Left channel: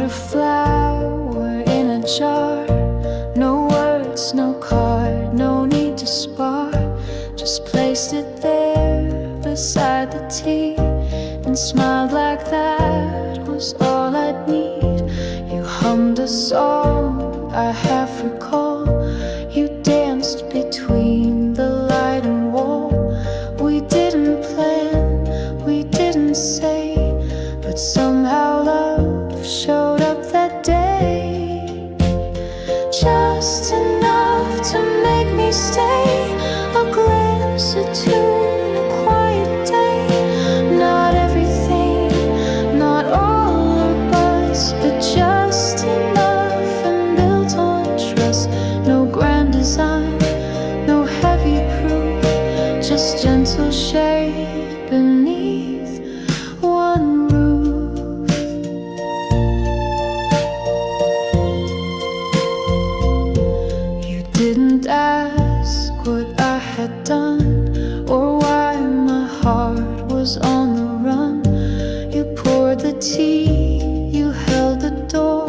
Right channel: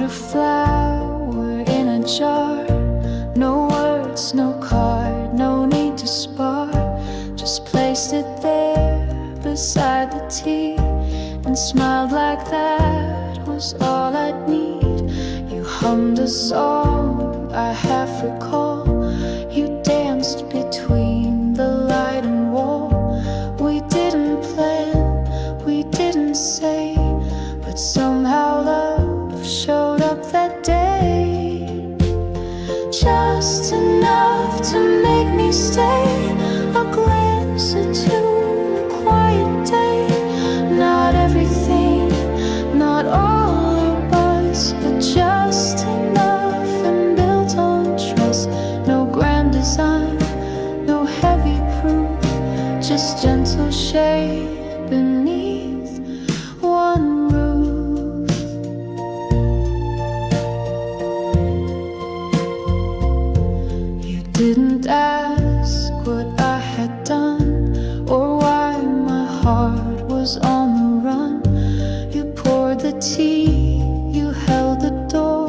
bought a flower in a jar. No words, no card, no need to spar. Just placed it there beside the tea and smiled like that was all I'd need. You hummed a song I half recall. You danced between the light and wall. We didn't plan, we didn't say, but somehow love showed up that day. Just enough to make me stay. A glance, a tune, a quiet day. Not everything, not all or buzz, but just enough and built on trust. No grand design, no heavy proof, just gentle shade beneath one roof. You didn't ask what I had done or why my heart was on the run. You poured the tea, you held the door,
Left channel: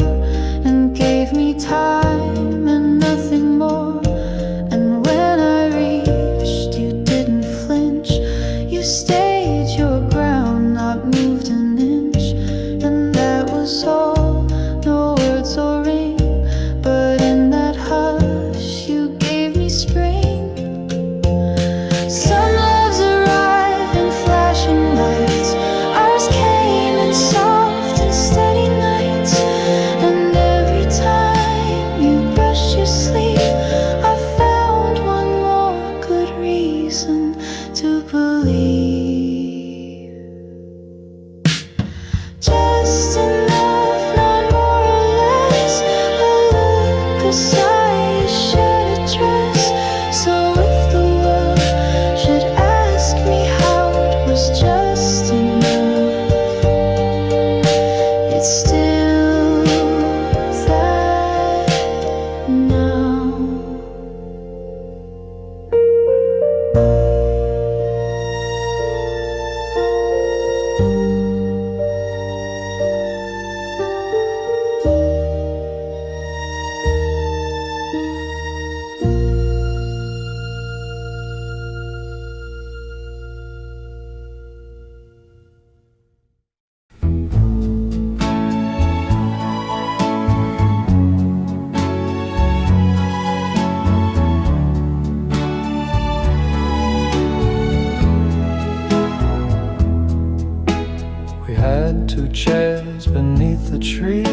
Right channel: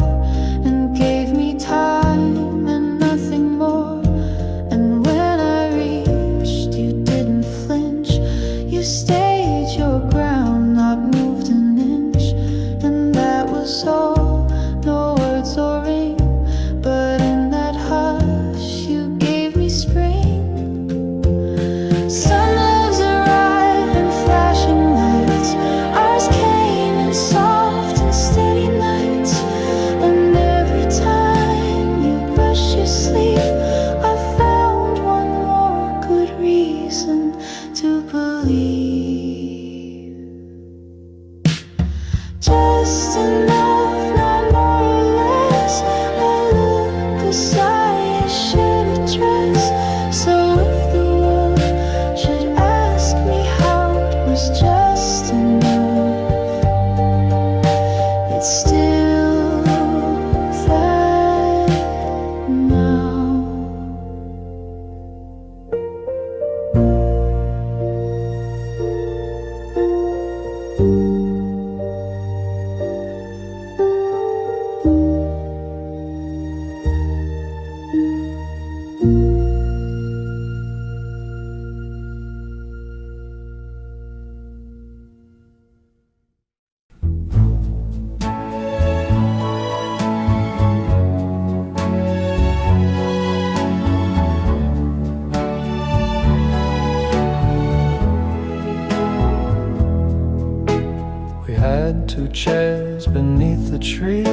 and gave me time and nothing more. And when I reached, you didn't flinch. You stayed your ground, not moved an inch. And that was all, no words or ring, but in that hush you gave me spring. Some loves arrive in flashing lights. Ours came in soft and steady nights. And every time you brushed your sleeve, I found one more good reason to believe. Just enough, not more or less. A look, a sigh, a shared address. So if the world should ask me how it was just enough, it's still that now. We had 2 chairs beneath the tree,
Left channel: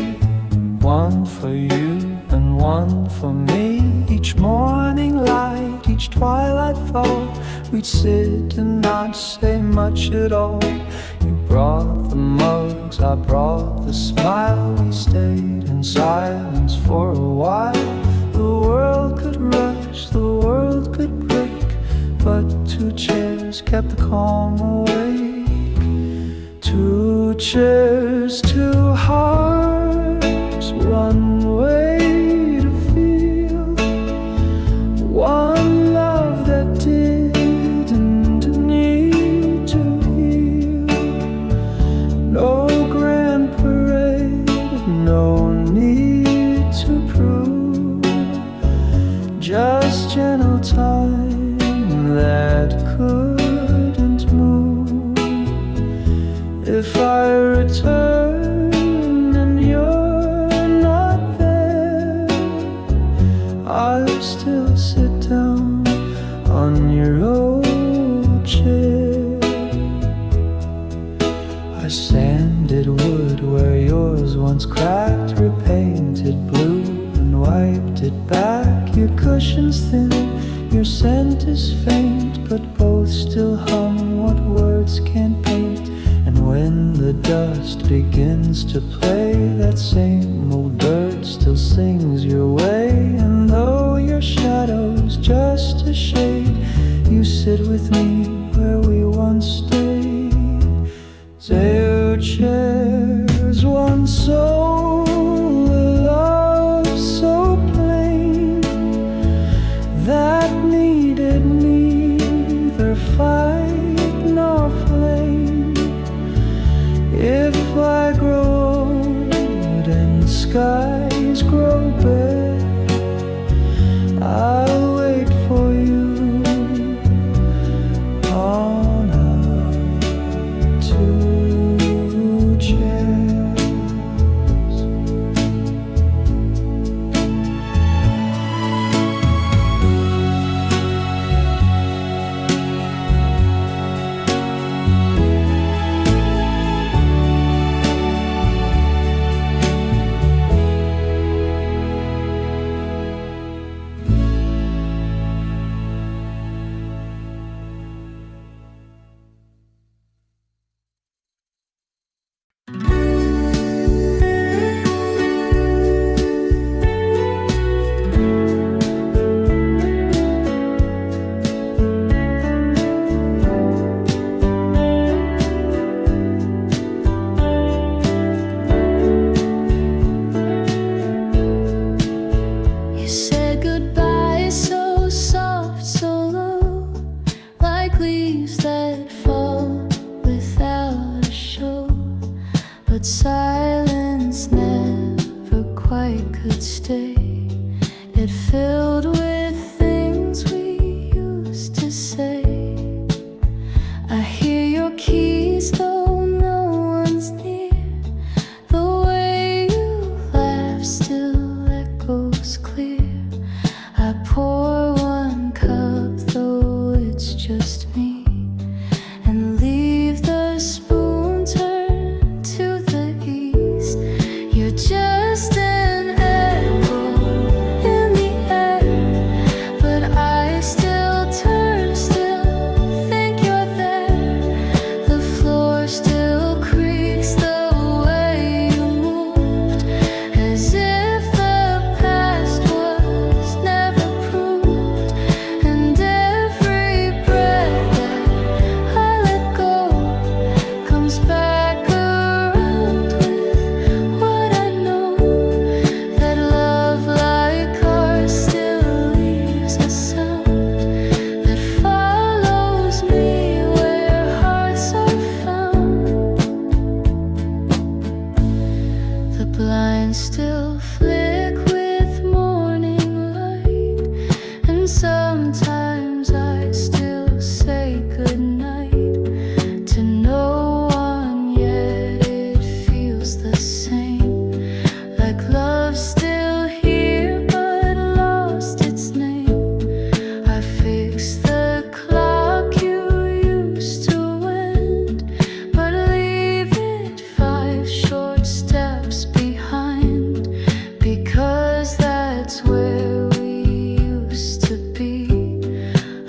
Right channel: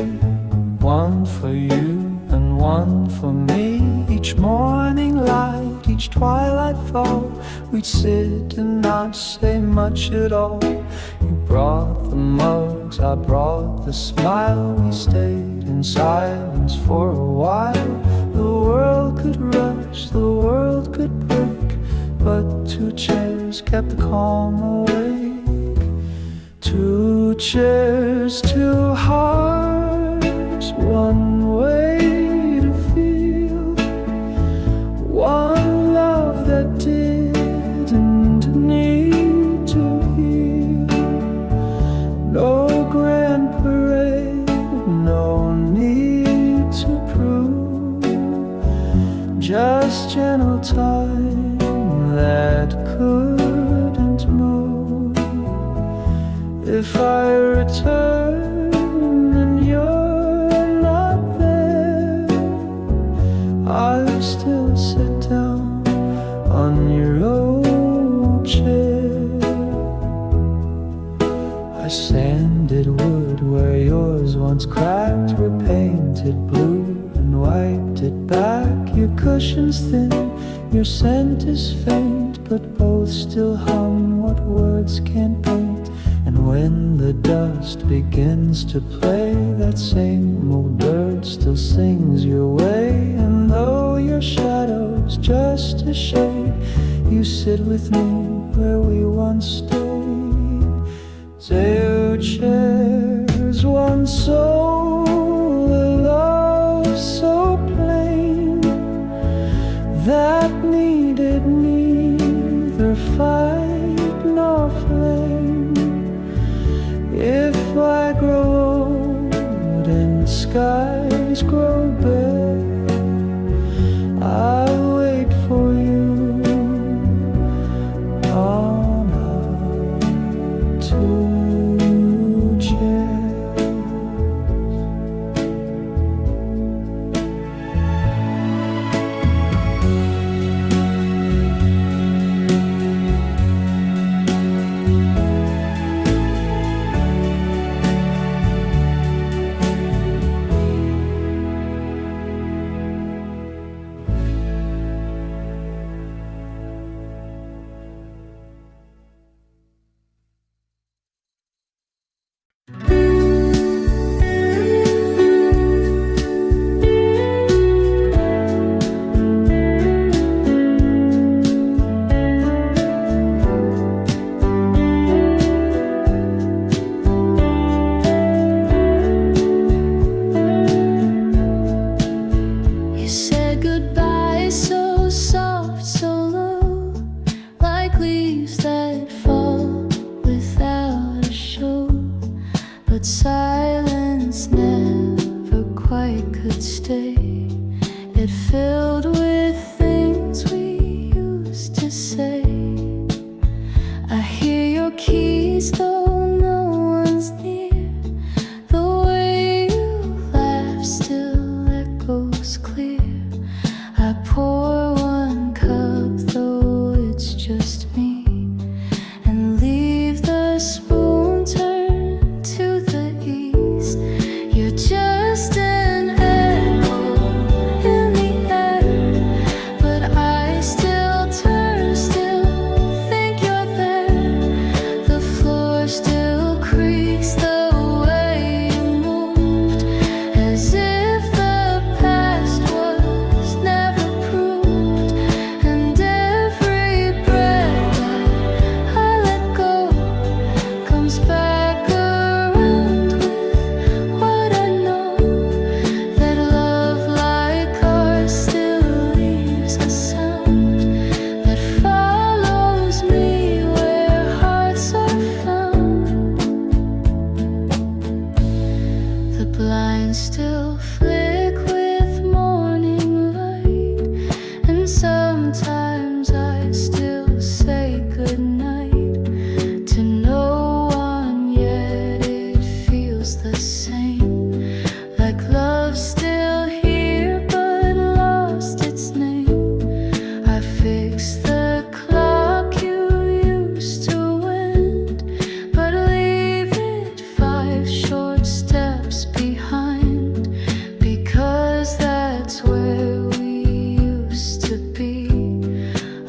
one for you and one for me. Each morning light, each twilight fall, we'd sit and not say much at all. You brought the mugs, I brought the smile. We stayed in silence for a while. The world could rush, the world could break, but 2 chairs kept the calm awake. 2 chairs, 2 hearts, one way to feel, one love that didn't need to heal. No grand parade, no need to prove, just gentle time that couldn't move. If I return and you're not there, I'll still sit down on your old chair. I sanded wood where yours once cracked, repainted blue and wiped it back. Your cushion's thin, your scent is faint, but both still hum what words can't paint. And when the dust begins to play, that same old bird still sings your way. And though your shadow's just a shade, you sit with me where we once stayed. 2 chairs, one soul, a love so plain that needed neither fight nor flame. If I grow old and skies grow bare. I'll wait for you on our two chairs. Goodbye, so soft, so low, like leaves that fall without a show. But silence never quite could stay. It filled with things we used to say. I hear your keys though no one's near. The way you laugh still echoes clear. I pour one cup, though it's just me, and leave the spoon turned to the east. You're just an echo in the air, but I still turn, still think you're there. The floor still creaks the way you moved, as if the past was never proved. And every breath that I let go comes back around with what I know, that love like ours still leaves a sound that follows me where hearts are found. The blinds still flick with morning light, and sometimes I still say goodnight to no one, yet it feels the same, like love's still here but lost its name. I fix the clock you used to wind, but leave it 5 short steps behind, because that's where we used to be.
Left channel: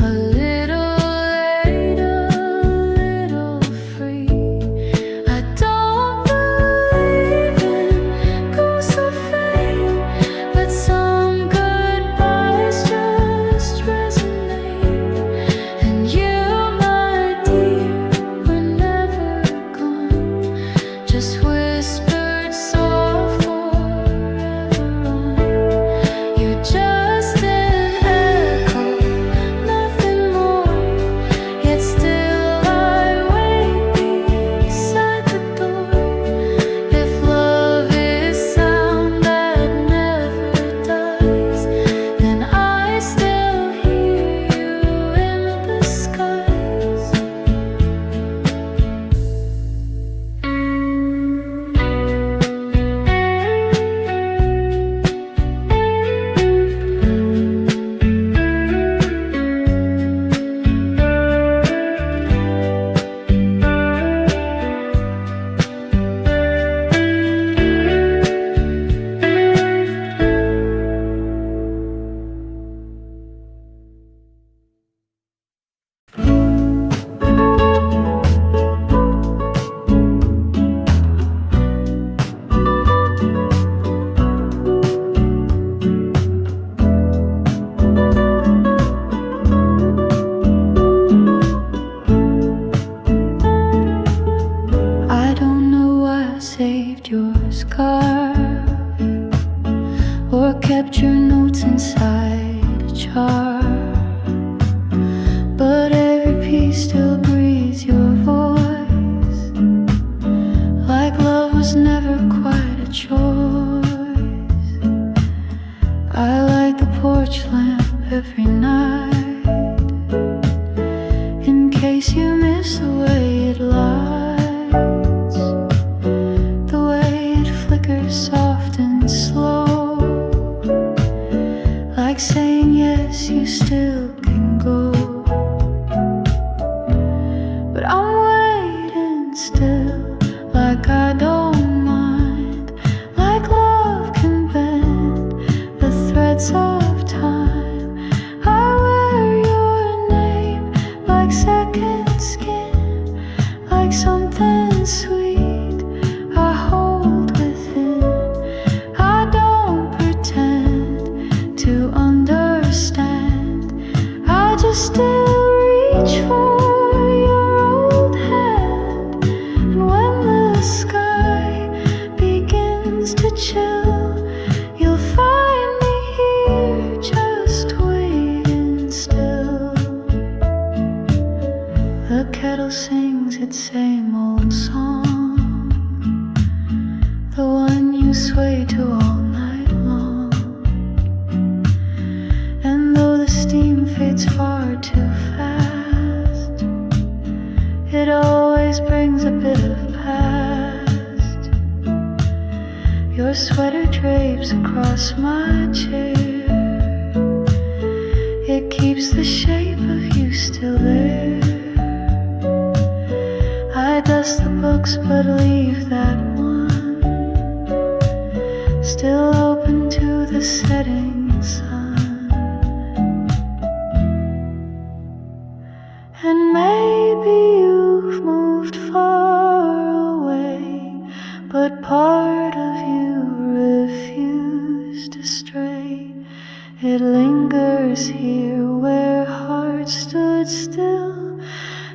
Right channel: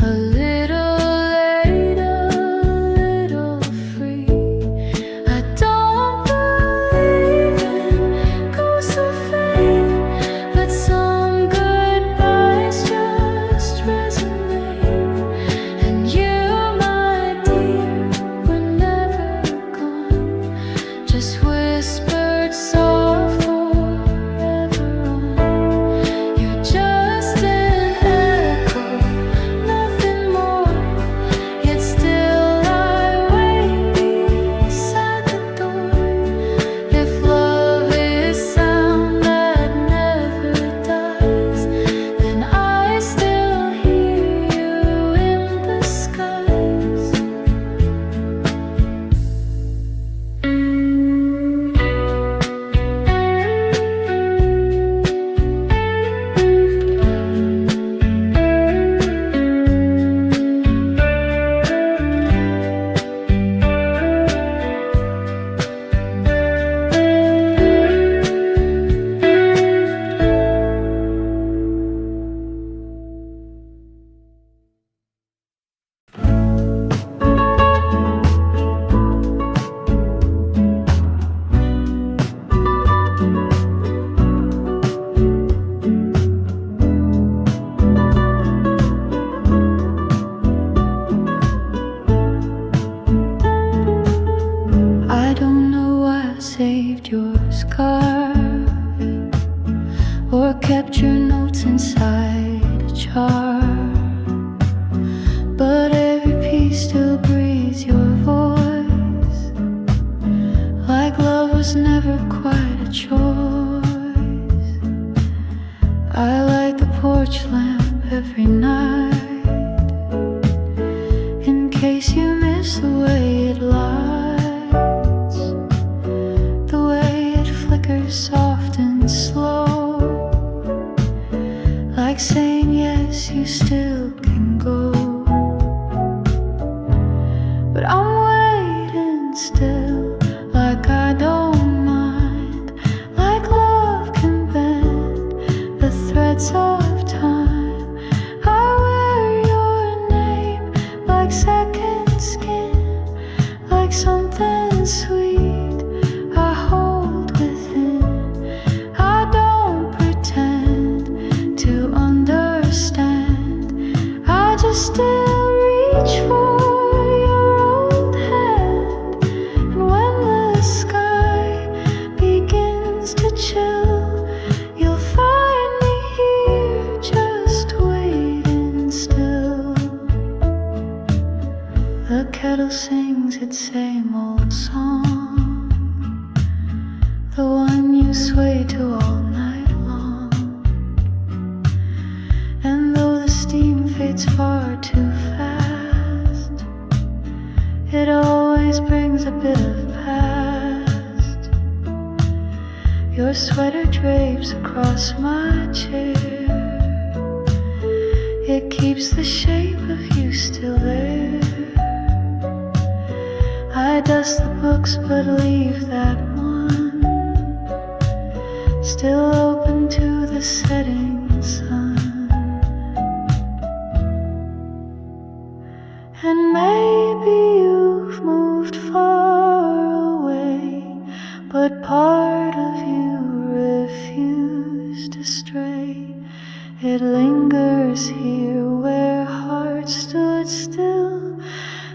A little late, a little free. I don't believe in ghosts or fate, but some goodbyes just resonate. And you, my dear, were never gone, just whispered soft forever on. You're just an echo, nothing more, yet still I wait beside the door. If love is sound that never dies, then I still hear you in the skies. I don't know why I saved your scarf or kept your notes inside a jar, but every piece still breathes your voice, like love was never quite a chore. I light the porch lamp every night, in case you miss the way it lights, the way it flickers soft and slow, like saying yes, you still can go. But I'm waiting still, like I don't mind, like love can bend the threads of time. I wear your name like second skin, like something sweet I hold within. I don't pretend to understand, I just still reach for your old hand. And when the sky begins to chill, you'll find me here just waiting still. The kettle sings its same old song, the one you sway to all night long. And though the steam fades far too fast, it always brings a bit of past. Your sweater drapes across my chair, it keeps the shape of you still there. I dust the books but leave that one still open to the setting sun. And maybe you've moved far away, but part of you refused to stray. It lingers here where hearts stood still,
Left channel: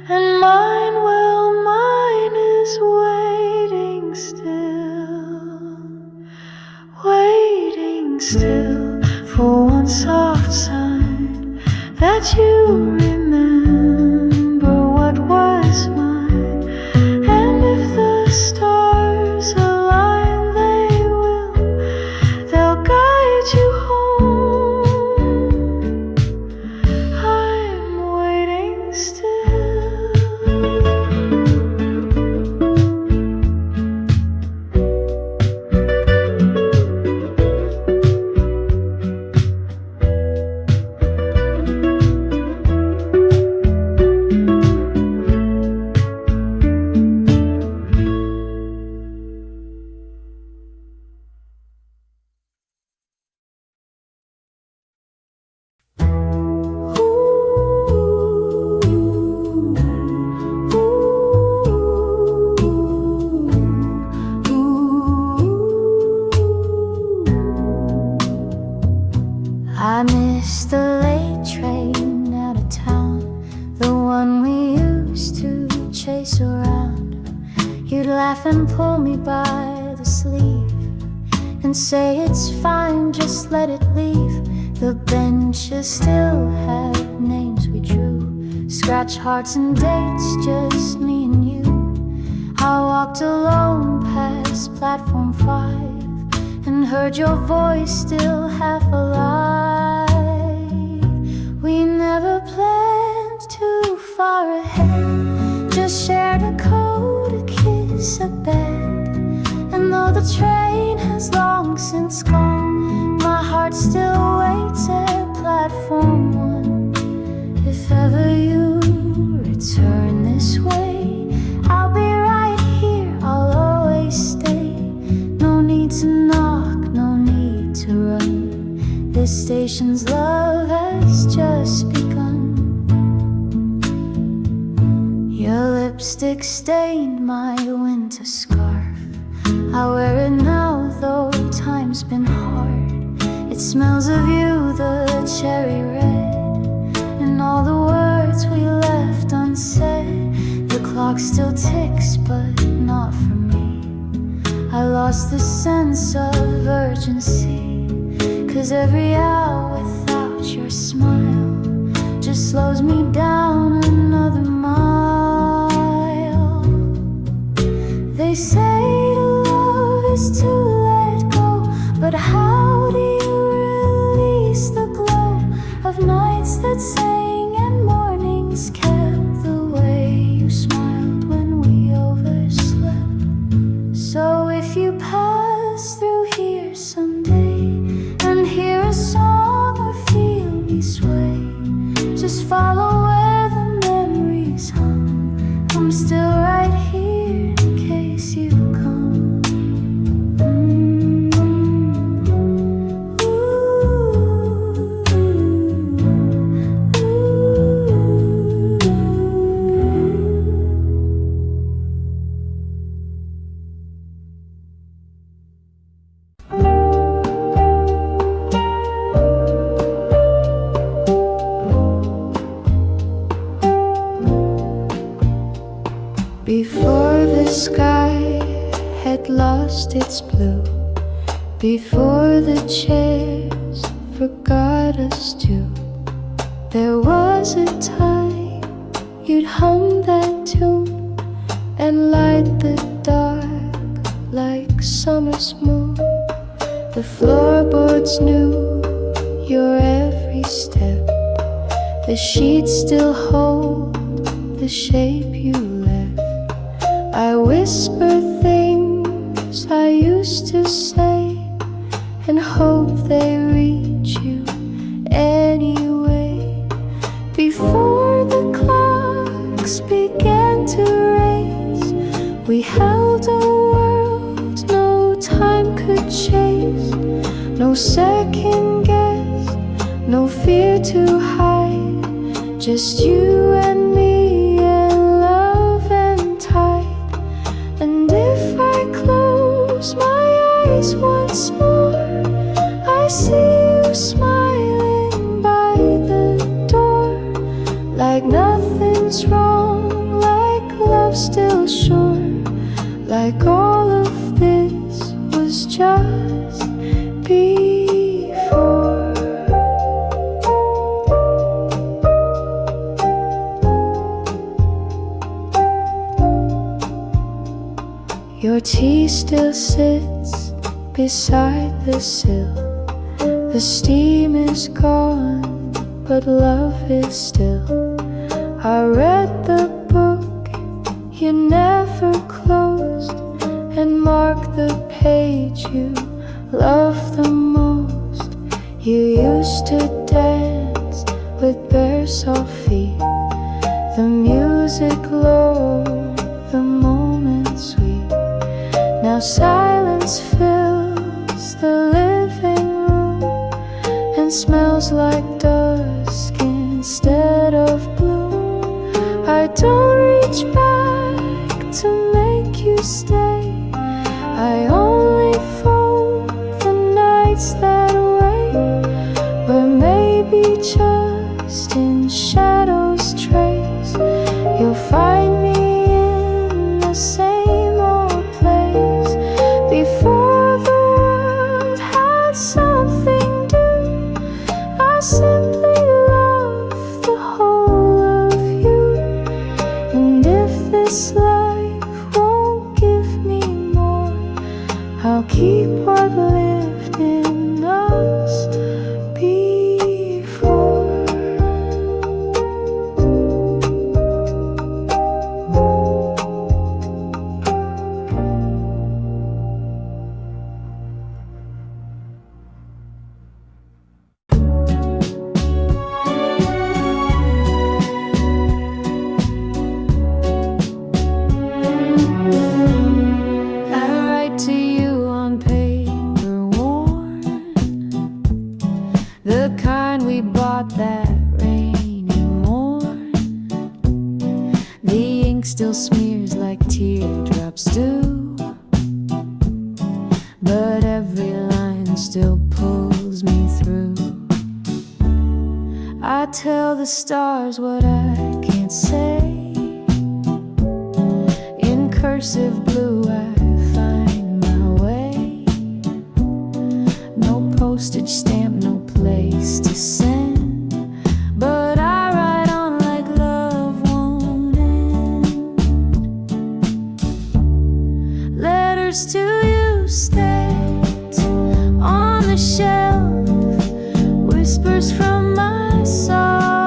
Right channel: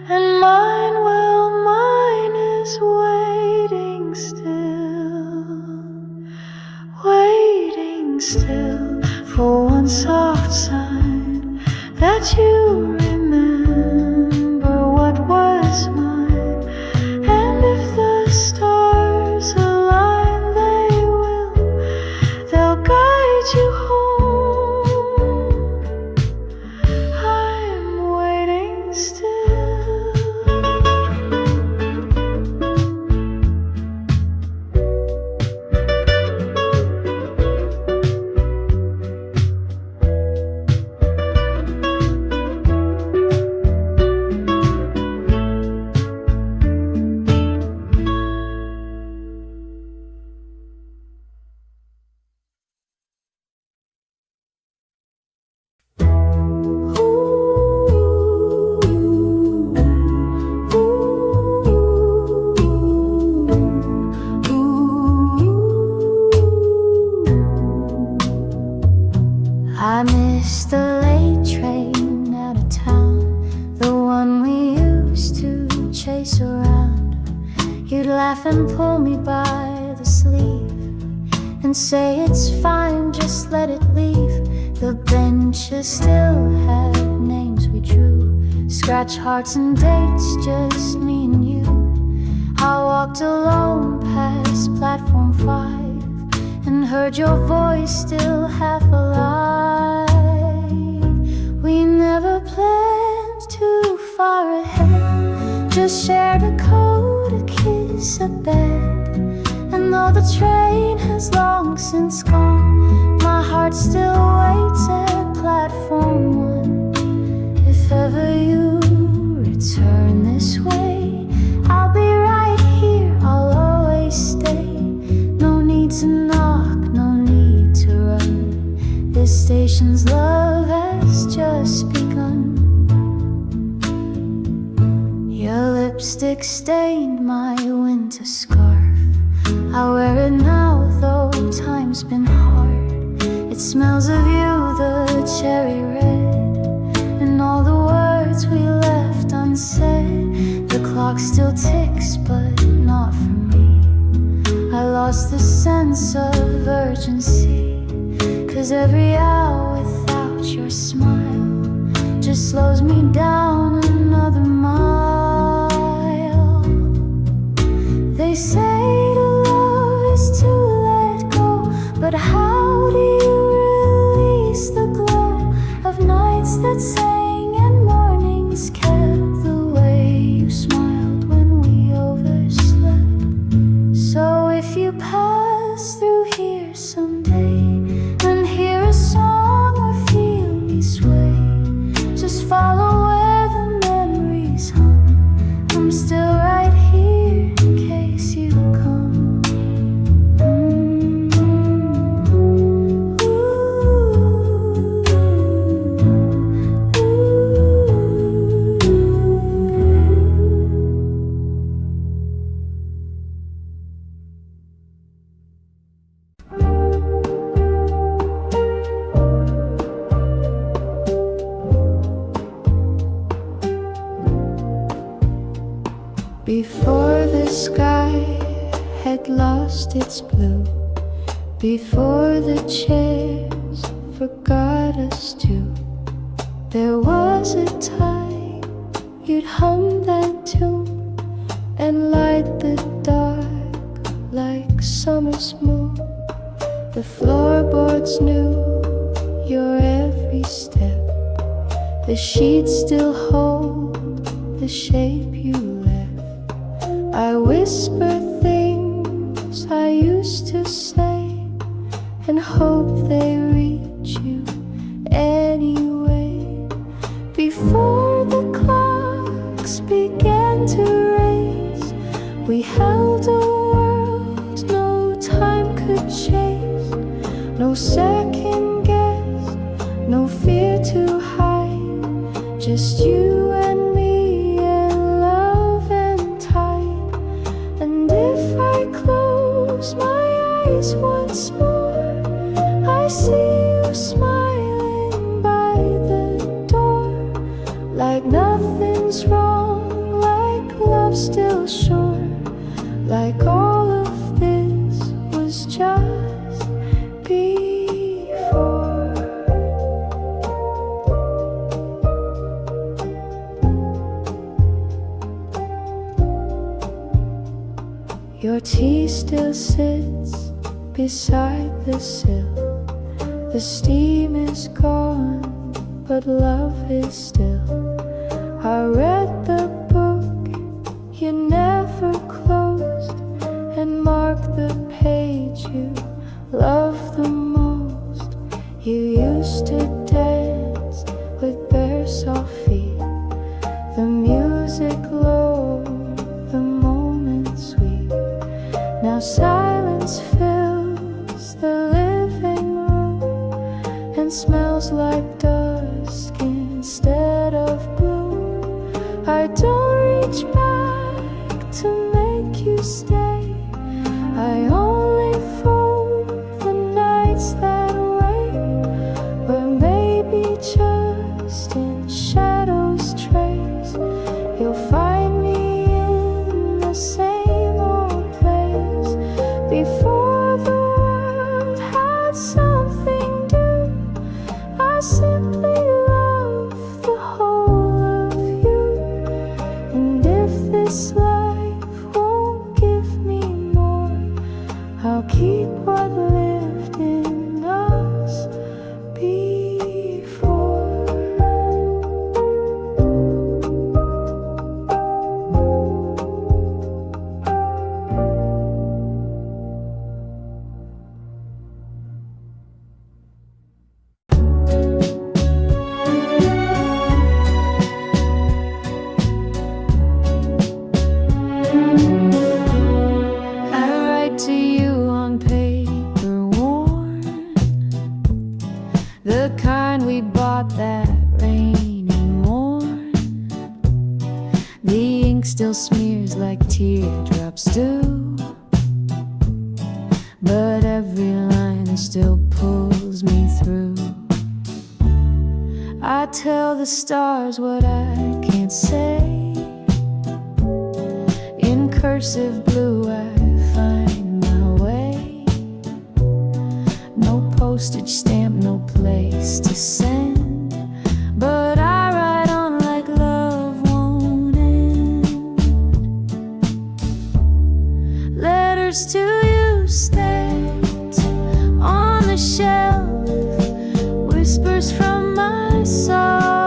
and mine, well, mine is waiting still for one soft sign that you remember what was mine. And if the stars align, they'll guide you home. I'm waiting still. I miss the late train out of town, the one we used to chase around. You'd laugh and pull me by the sleeve and say it's fine, just let it leave. The benches still had names we drew, scratch hearts and dates, just me and you. I walked alone past platform 5 and heard your voice still half alive. We never planned too far ahead, just shared a coat, a kiss, a bed. And though the train has long since gone, my heart still waits at platform 1. If ever you return this way, I'll be right here, I'll always stay. No need to knock, no need to run, this station's love has just begun. Your lipstick stained my winter scarf, I wear it now though time's been hard. It smells of you, the cherry red, and all the words we left unsaid. The clock still ticks but not for me, I lost the sense of urgency, 'cause every hour without your smile just slows me down another mile. They say to love is to let go, but how do you that sang and mornings kept, the way you smiled when we overslept. So if you pass through here someday and hear a song or feel me sway, just follow where the memories hum. I'm still right here in case you come. Before the sky had lost its blue, before the chairs forgot us too, there was a time you'd hum that tune and light the dark like summer's moon. The floorboards knew your every step, the sheets still hold the shape you left. I whisper things I used to say and hope they reach you anyway. Before the clocks began to race, we held a world no time could chase. No second guess, no fear to hide, just you and me and love and tide. And if I close my eyes once more, I see you smiling by the door, like nothing's wrong, like love's still sure, like all of this was just before. Your tea still sits beside the sill. The steam is gone, but love is still. I read the book you never closed and marked the page you loved the most. You used to dance with bare soft feet, the music low, the moment sweet. Now silence fills the living room and smells like dusk instead of bloom. I don't reach back to make you stay, I only fold the nights that wait, where maybe just in shadows trace you'll find me in the same old place. Before the world had something new, I simply love the whole of you. And if this life won't give me more, I'll keep what lived in us before. To you on paper worn, the kind we bought that rainy morn. The ink still smears like teardrops do, but every line still pulls me through. I tell the stars what I can't say, in cursive blue I find way. No postage stamp, no place to send, but I write on like love won't end. Letters to you stacked on the shelf, whispers from my soul.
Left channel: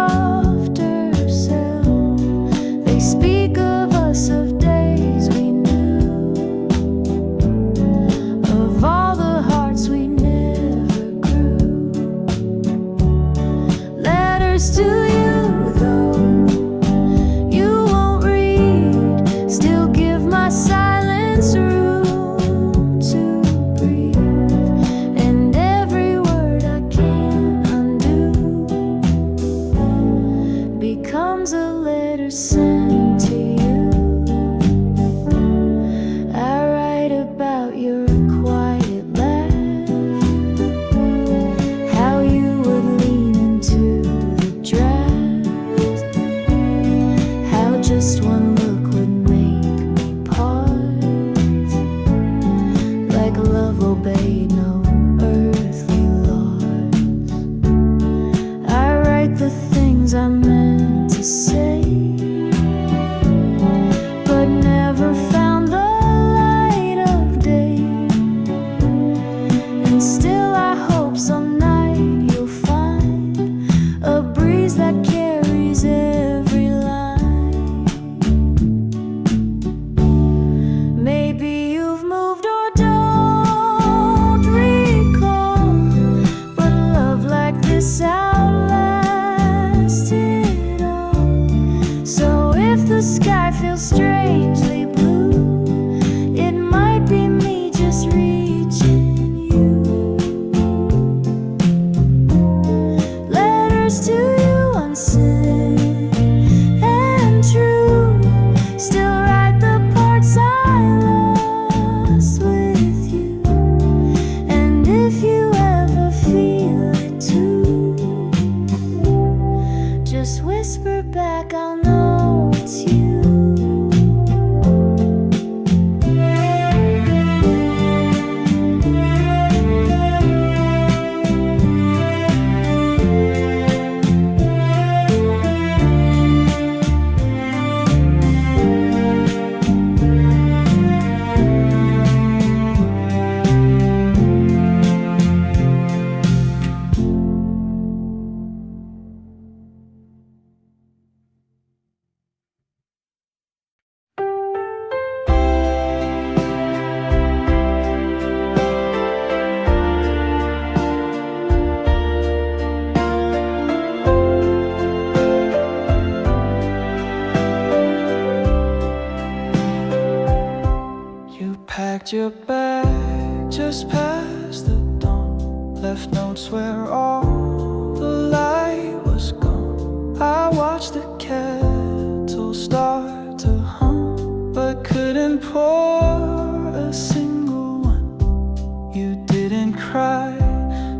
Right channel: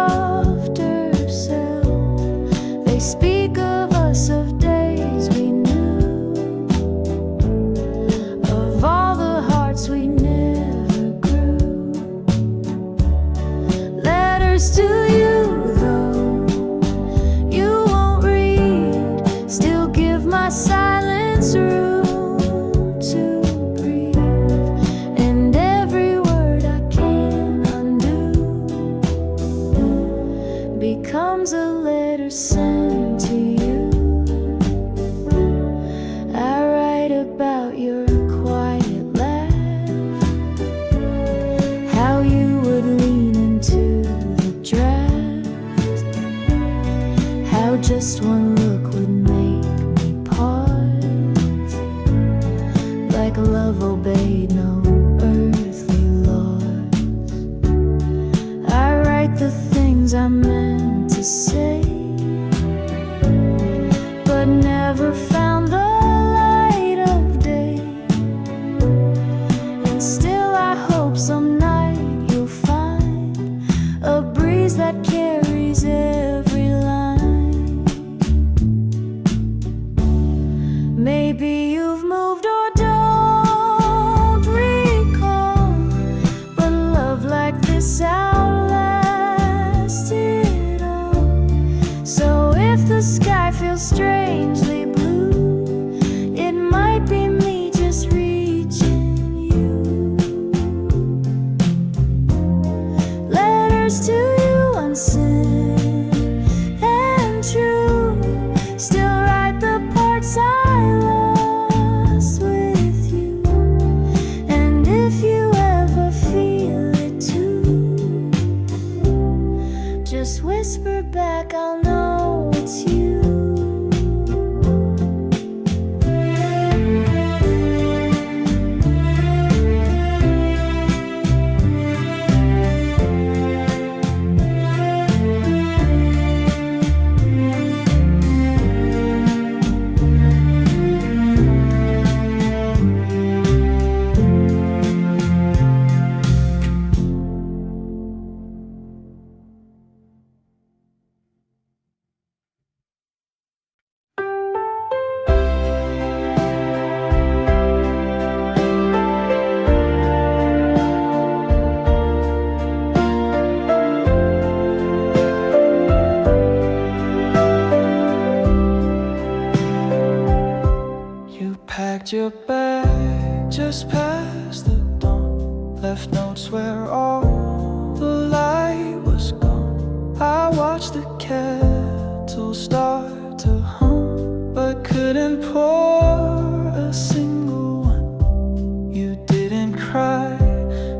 obeyed no earthly laws. I write the things I meant to say, but never found the light of day. And still I hope some night you'll find a breeze that carries every line. Maybe you've moved or don't recall, but love like this outlasted all. So if the sky feels strangely blue, it might be me just reaching you. Letters to you unsent and true, still write the parts I lost with you. And if you ever feel it too, just whisper back, I'll know it's you. Packed your bag just past the dawn, left notes where all the light was gone. I watched the kettle start to hum, but couldn't pour a single one. You didn't cry,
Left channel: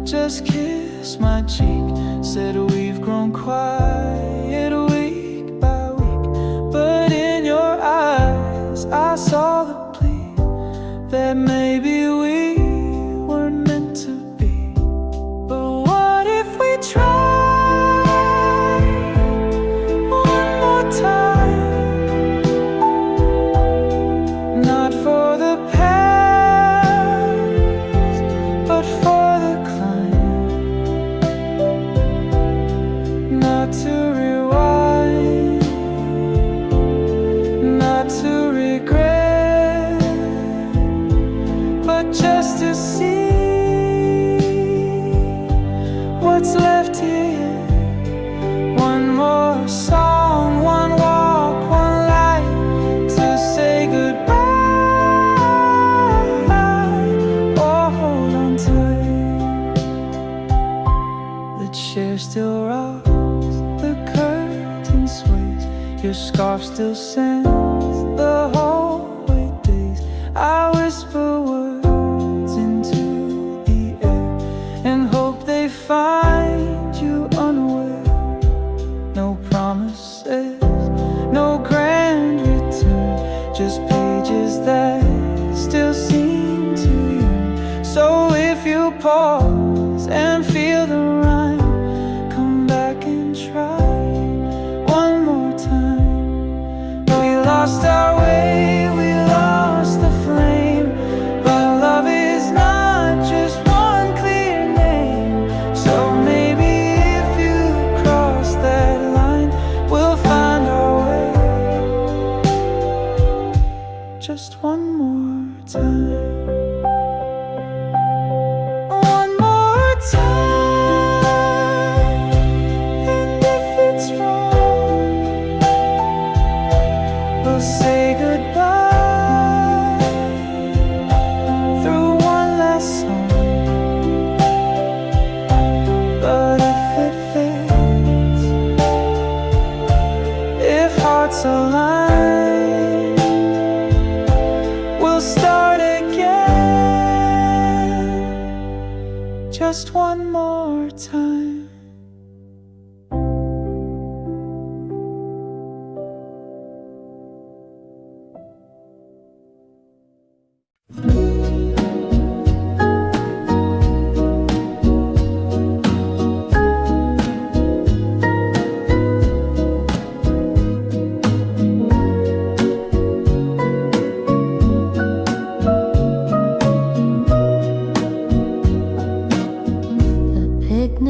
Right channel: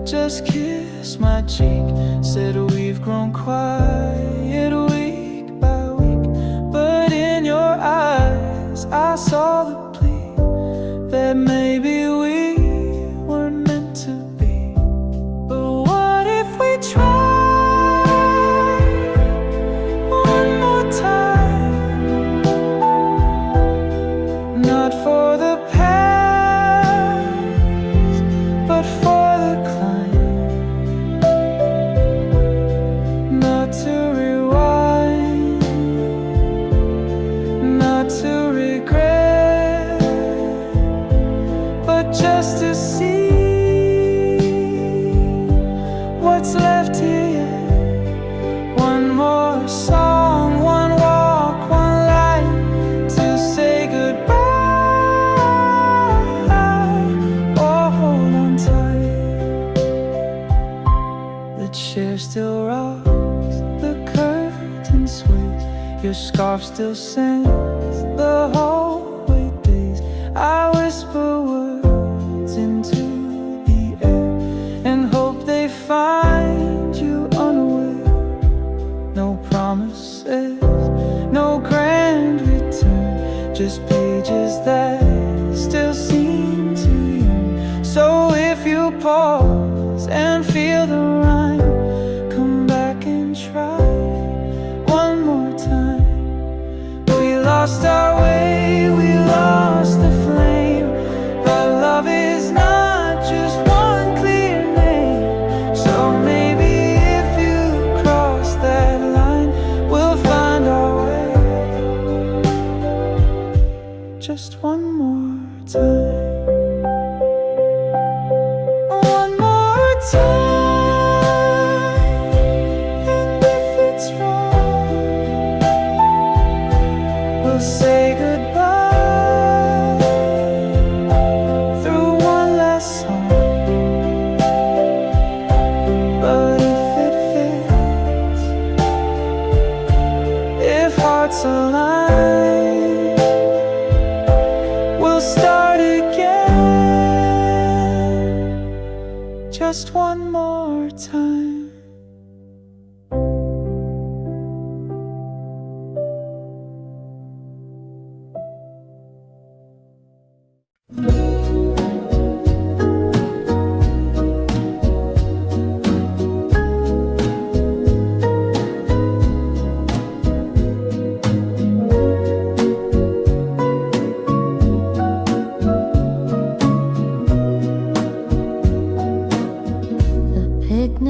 just kissed my cheek, said we've grown quiet week by week. But in your eyes I saw the plea that maybe we weren't meant to be. But what if we try one more time? Not for the past, but for the climb. Not to rewind, not to regret, but just to see what's left here. One more song, one walk, one light to say goodbye. Oh, hold on tight. The chair still rocks, the curtain sways, your scarf still sends the hallway days. I whisper words into the air and hope they find you unaware. No promises, no grand return, just pages that still seem to yearn. So if you pause and feel the rhyme, come back and try one more time. We lost our way, we lost the flame, but love is not just one clear name. So maybe if you cross that line, we'll find our way. Just one more time. One more time. And if it's wrong, we'll say goodbye through one last song. But if it fits, if hearts align, we'll start again. Just one more time.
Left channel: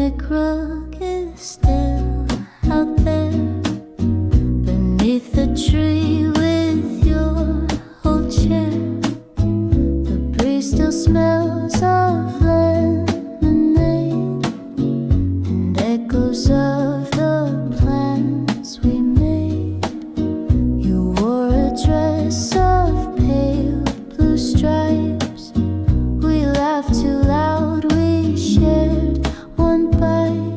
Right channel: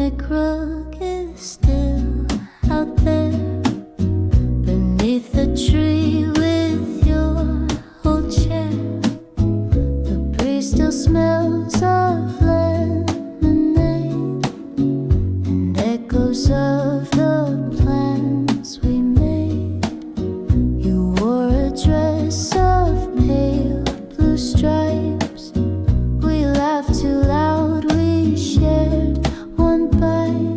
that crook is still out there beneath the tree with your old chair. The breeze still smells of lemonade and echoes of the plans we made. You wore a dress of pale blue stripes. We laughed too loud, we shared one bite.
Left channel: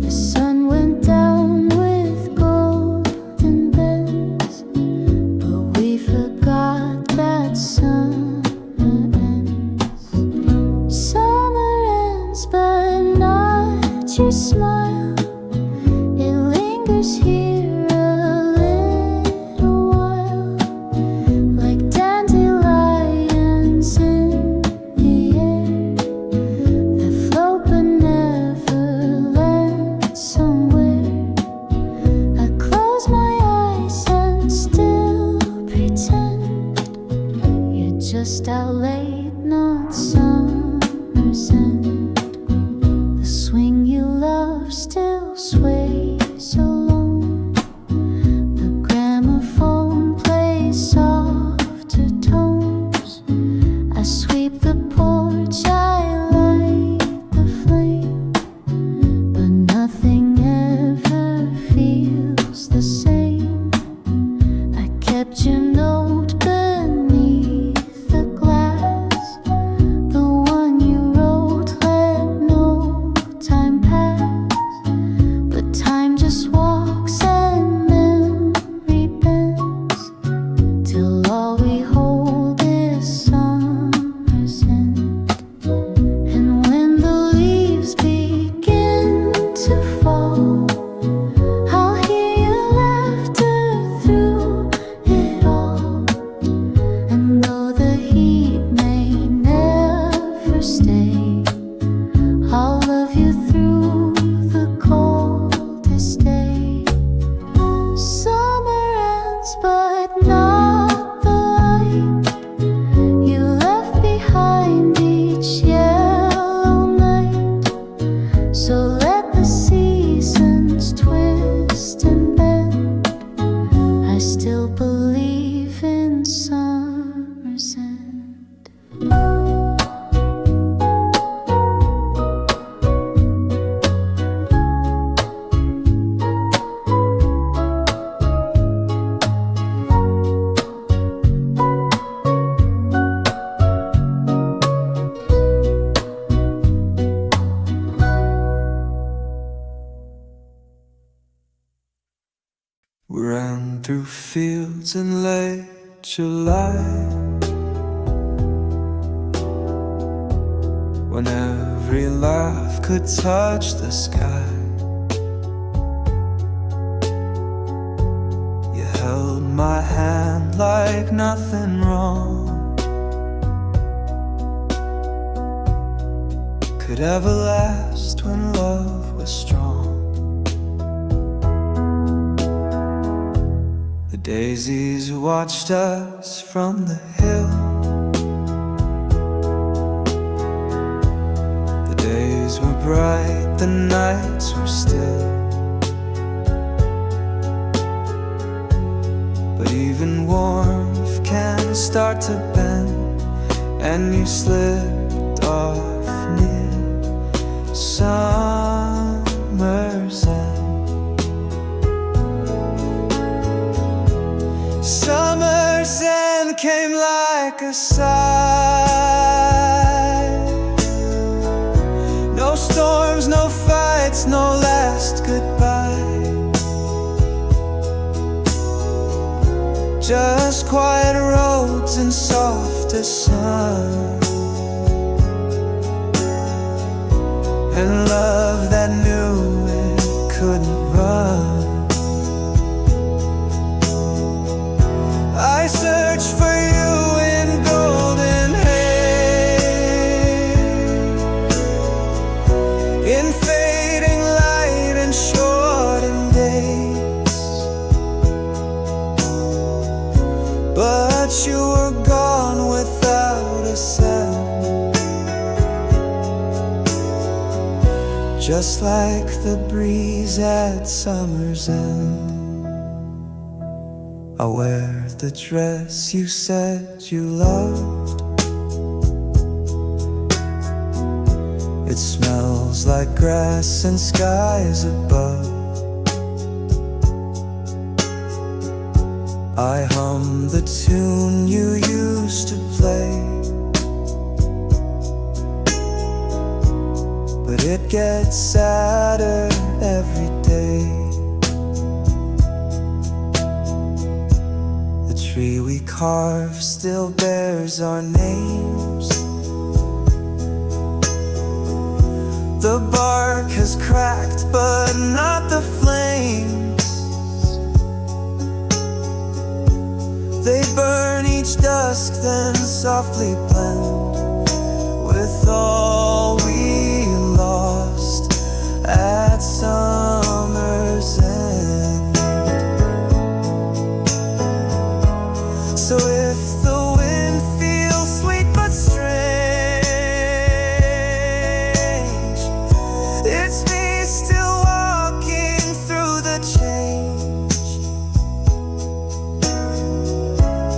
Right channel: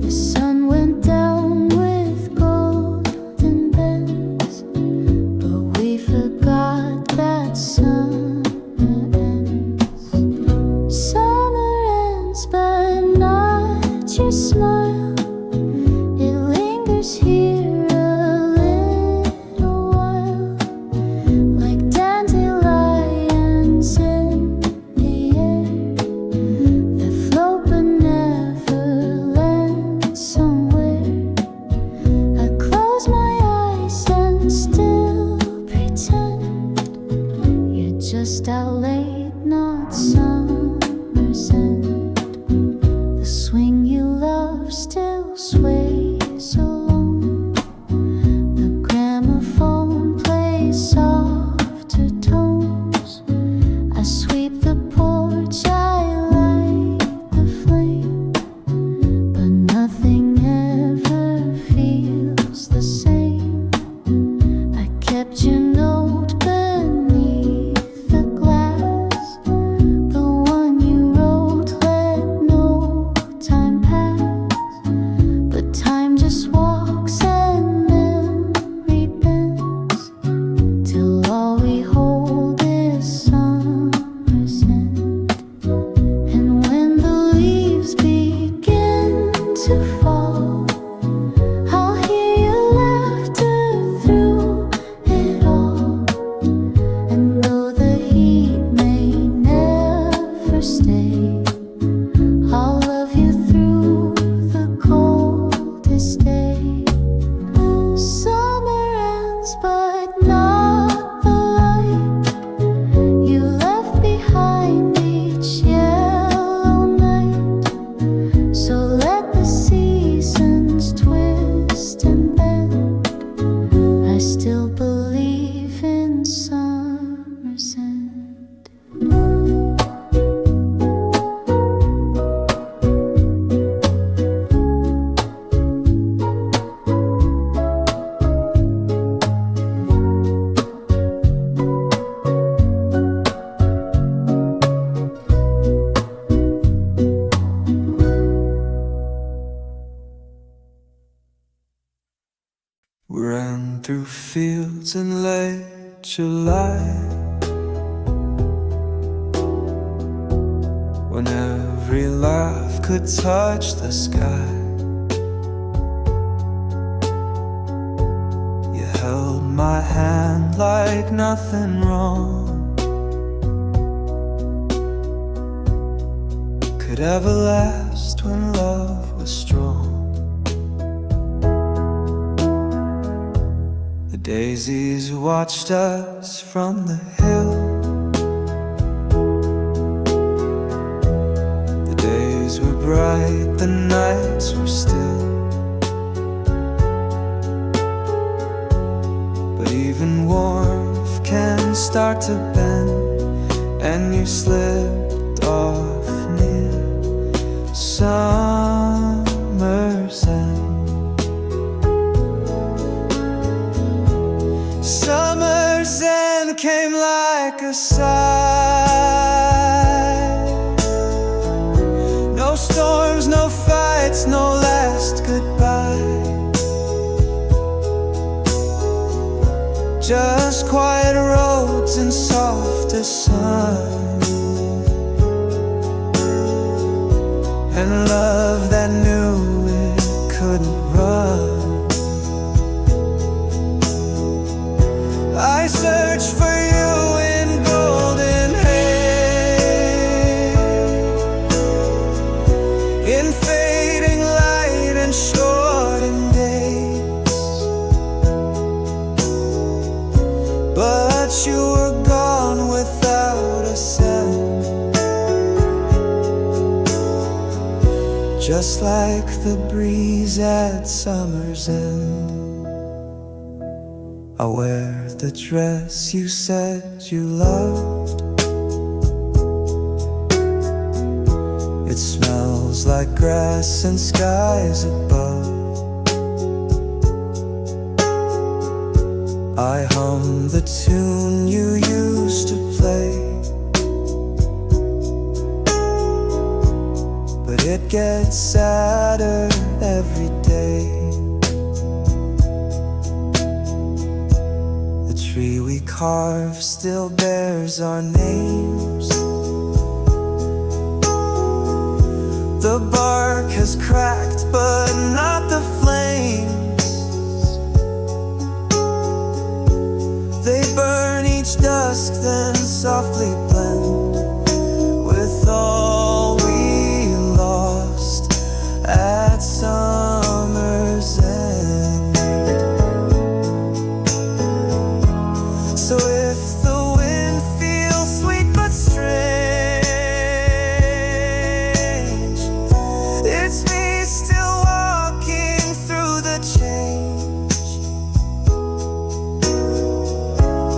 The sun went down with golden bends, but we forgot that summer ends. Summer ends, but not your smile. It lingers here a little while, like dandelions in the air that float but never land somewhere. I close my eyes and still pretend you're just out late, not summer's end. The swing you love still sways alone. The gramophone plays softer tones. I sweep the porch, I light the flame, but nothing ever feels the same. I kept your note beneath the glass, the one you wrote, let no time pass. But time just walks and memory bends, till all we hold is summer's end. And when the leaves begin to fall, I'll hear your laughter through it all. And though the heat may never stay, I'll love you through the coldest day. Summer ends, but not the light you left behind each yellow night. So let the seasons twist and bend. I still believe in summer's end. We ran through fields in late July, when every laugh could touch the sky. You held my hand like nothing wrong could ever last when love was strong. The daisies watched us from the hill. The days were bright, the nights were still. But even warmth can start to bend, and you slipped off near summer's end. Summer's end came like a sigh. No storms, no fights, no last goodbye. Just quiet roads and softer sun, and love that knew it couldn't run. I searched for you in golden haze, in fading light and shortened days. But you were gone without a sound, just like the breeze at summer's end. I wear the dress you said you loved. It smells like grass and skies above. I hum the tune you used to play, but it gets sadder every day. The tree we carved still bears our names. The bark has cracked, but not the flames. They burn each dusk, then softly blend with all we lost at summer's end. So if the wind feels sweet but strange, it's me still walking through the change,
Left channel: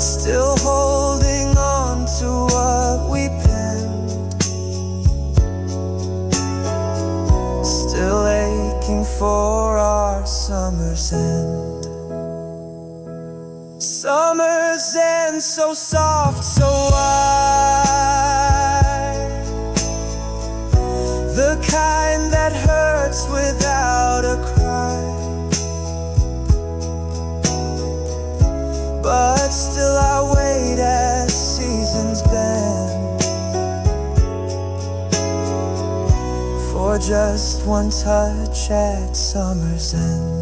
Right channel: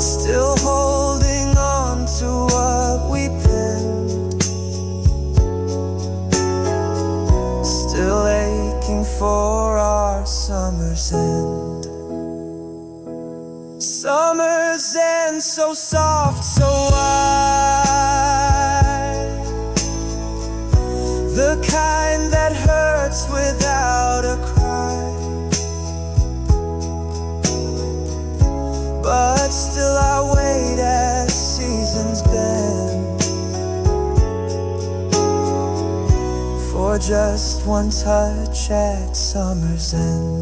still holding on to what we penned, still aching for our summer's end. Summer's end, so soft, so wide, the kind that hurts without a cry. But still I wait as seasons bend for just one touch at summer's end.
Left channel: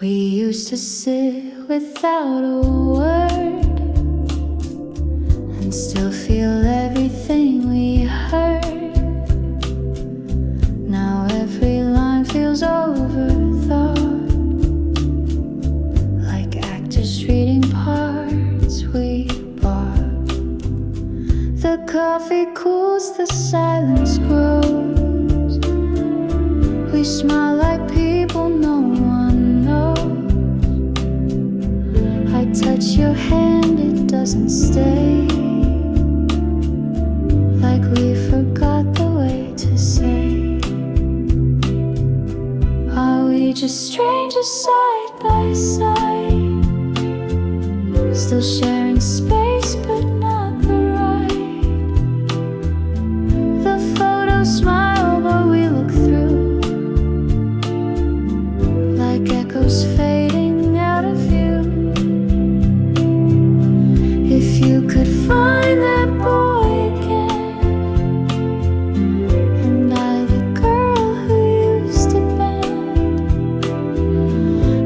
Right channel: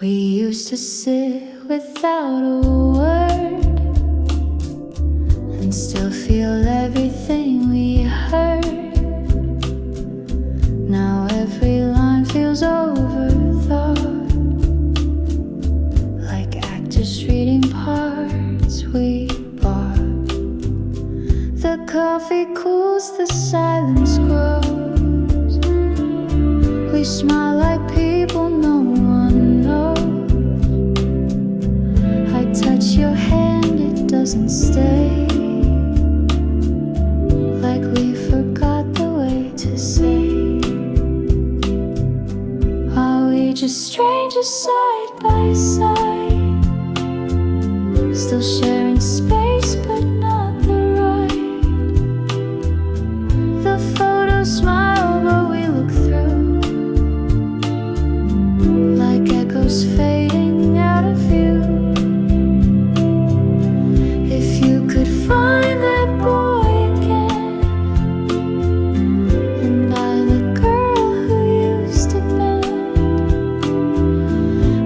We used to sit without a word and still feel everything we heard. Now every line feels overthought, like actors reading parts we bought. The coffee cools, the silence grows. We smile like people no one knows. I touch your hand, it doesn't stay, like we forgot the way to say. Are we just strangers side by side, still sharing space but not the right? The photos smile but we look through, like echoes fading out of view. If you could find that boy again, and I the girl who used to bend,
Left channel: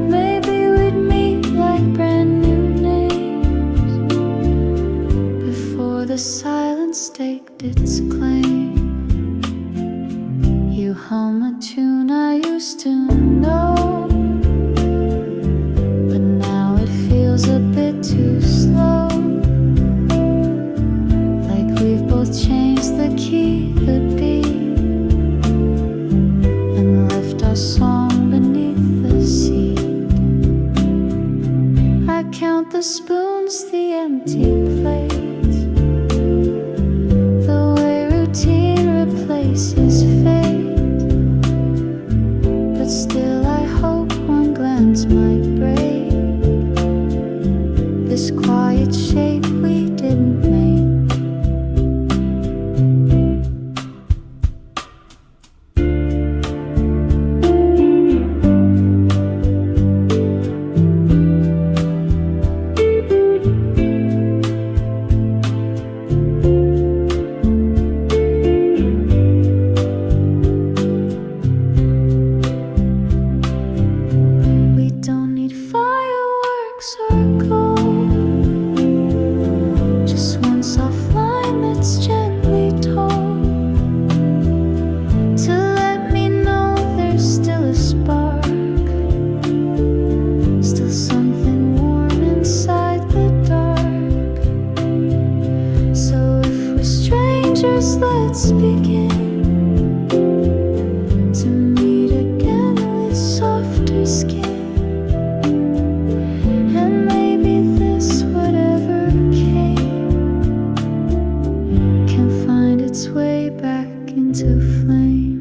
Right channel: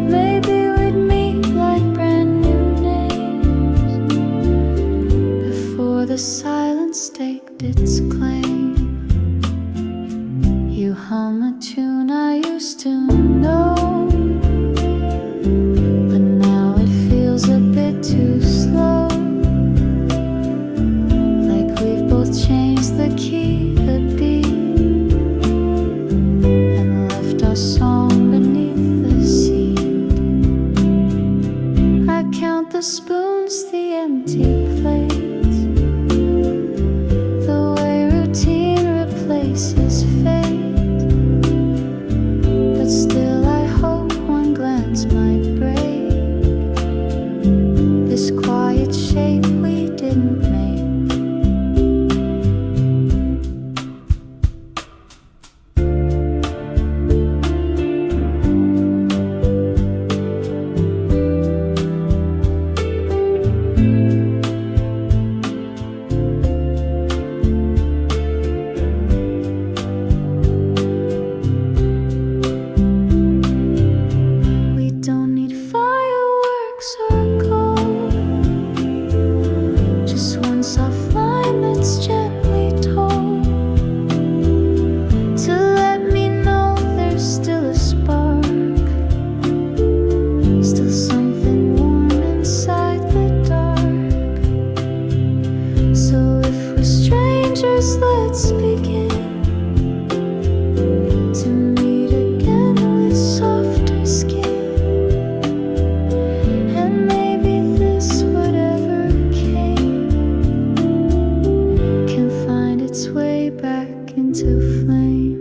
maybe we'd meet like brand new names before the silence staked its claim. You hum a tune I used to know, but now it feels a bit too slow, like we've both changed the key, the beat, and left our song beneath the seat. I count the spoons, the empty plates, the way routine replaces fate. But still I hope one glance might break this quiet shape we didn't make. We don't need fireworks or gold, just one soft line that's gently told to let me know there's still a spark, still something warm inside the dark. its way back into flame.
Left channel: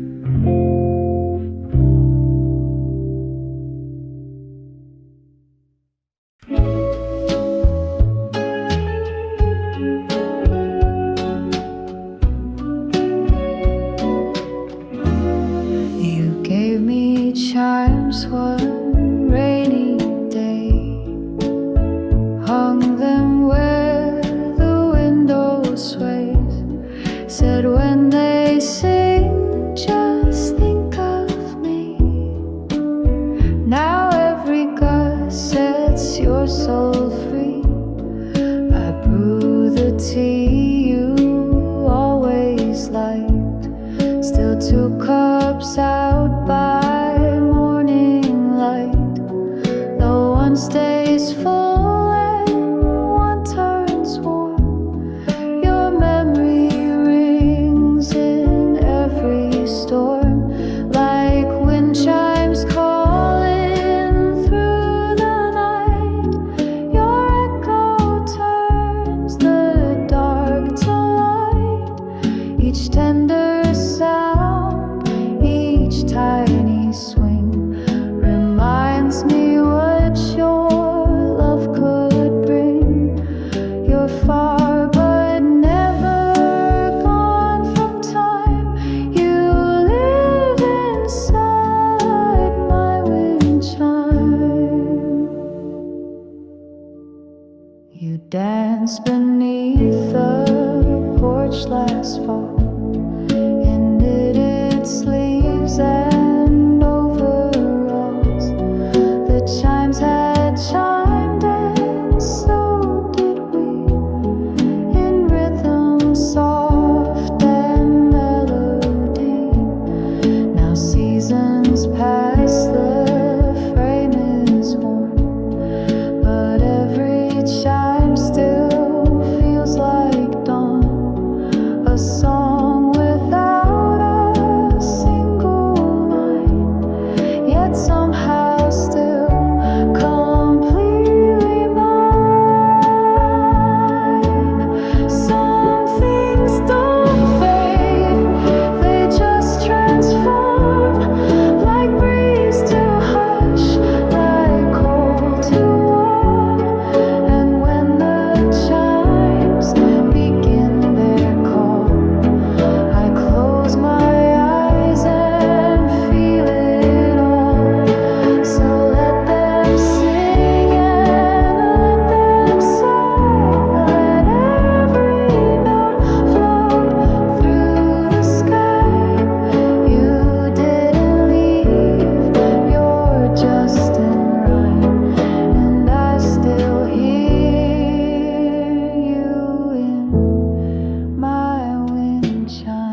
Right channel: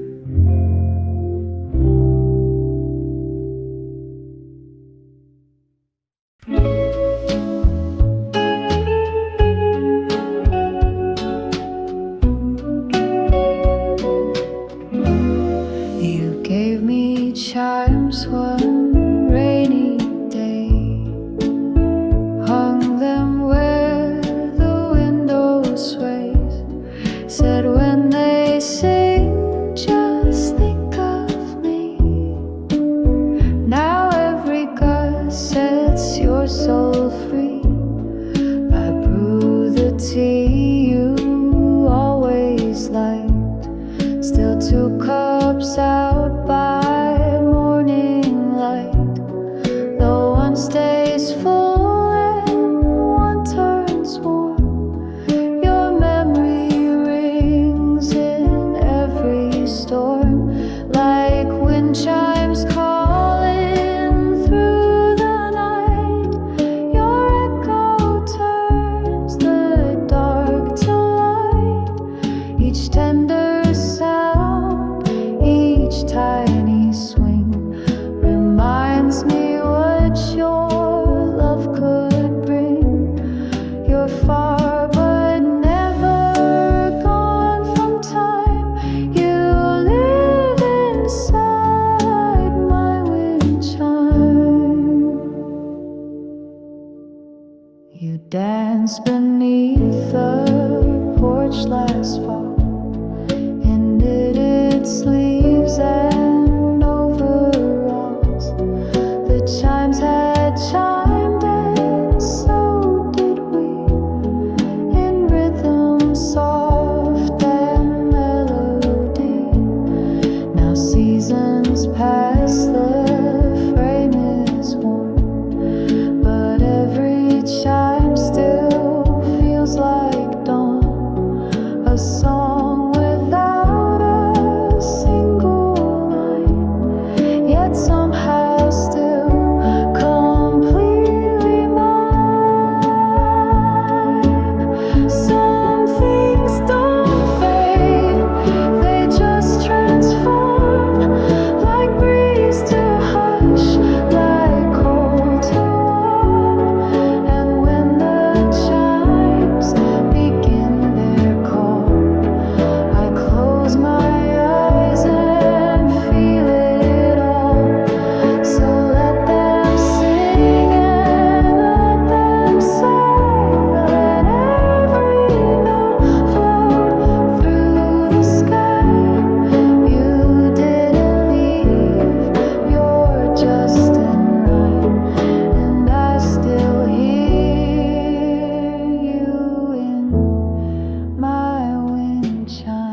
You gave me chimes one rainy day, hung them where the window sways, said when they sing, just think of me. Now every gust sets your soul free. I brew the tea you always liked, still 2 cups out by morning light. Though one stays full and one turns warm, your memory rings in every storm, like wind chimes calling through the night. Your echo turns the dark to light. Each tender sound, each tiny swing reminds me what your love could bring. You're far but never gone from time. You live inside my wind chime. You danced beneath the porch last fall in knitted sleeves and overalls. The chimes had chimed and so did we, in rhythm soft and melody. Now seasons pass, the frame is worn, but every chime still feels like dawn. A song without a single line, yet somehow still completely mine. Some things don't fade, they just transform, like breeze to hush, like cold to warm. And when the chimes begin their call, I close my eyes and feel it all. So let them sing and let them sigh, let every note float through the sky. You didn't leave, you're just in rhyme, and I still hear you in my wind chime.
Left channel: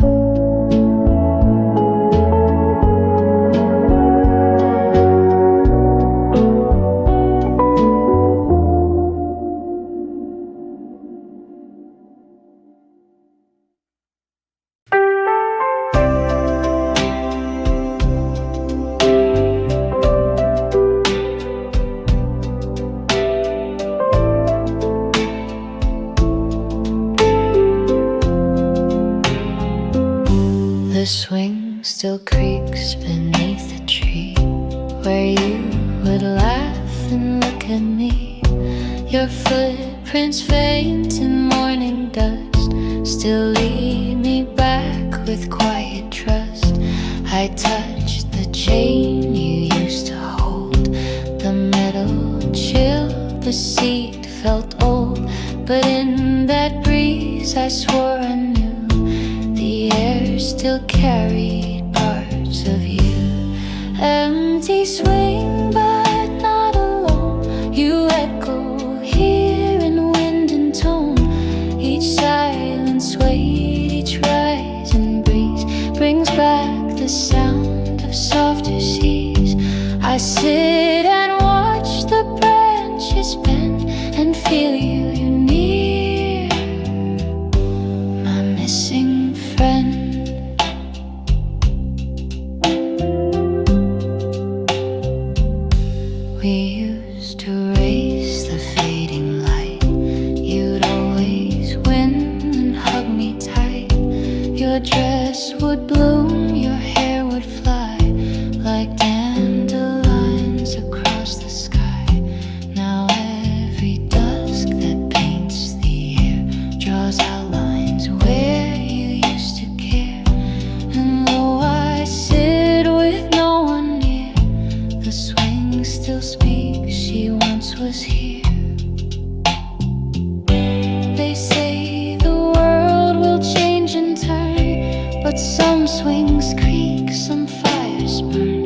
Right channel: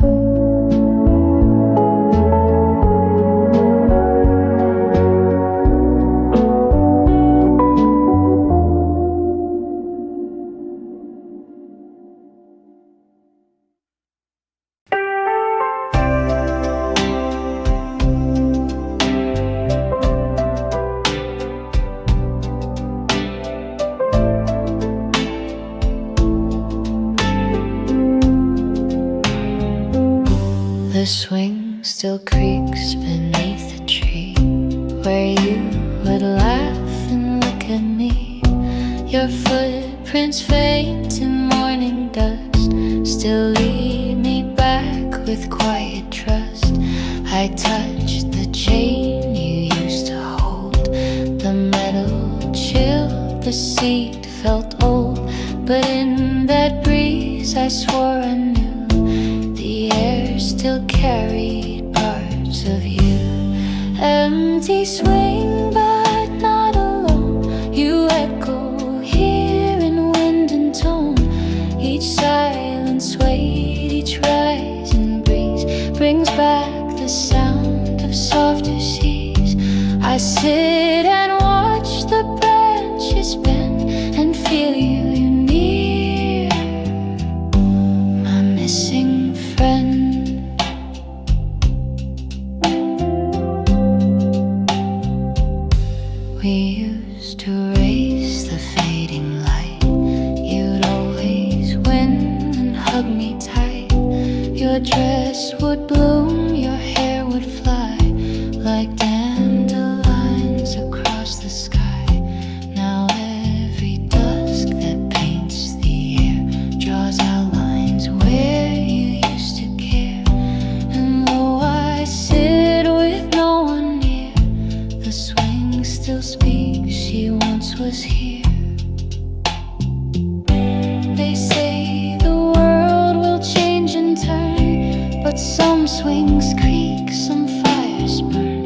The swing still creaks beneath the tree where you would laugh and look at me. Your footprints faint in morning dust still lead me back with quiet trust. I touch the chain you used to hold, the metal chilled, the seat felt old, but in that breeze I swore I knew the air still carried parts of you. Empty swing, but not alone. You echo here in wind and tone. Each silence wait, each rising breeze brings back the sound of softer seas. I sit and watch the branches bend and feel you near, my missing friend. We used to race the fading light. You'd always win and hug me tight. your dress would bloom, your hair would fly like dandelions across the sky. Now every dusk that paints the air draws outlines where you used to care. And though I sit with no one near, the swing still speaks, she once was here. They say the world will change and turn, but some swings creak, some fires burn.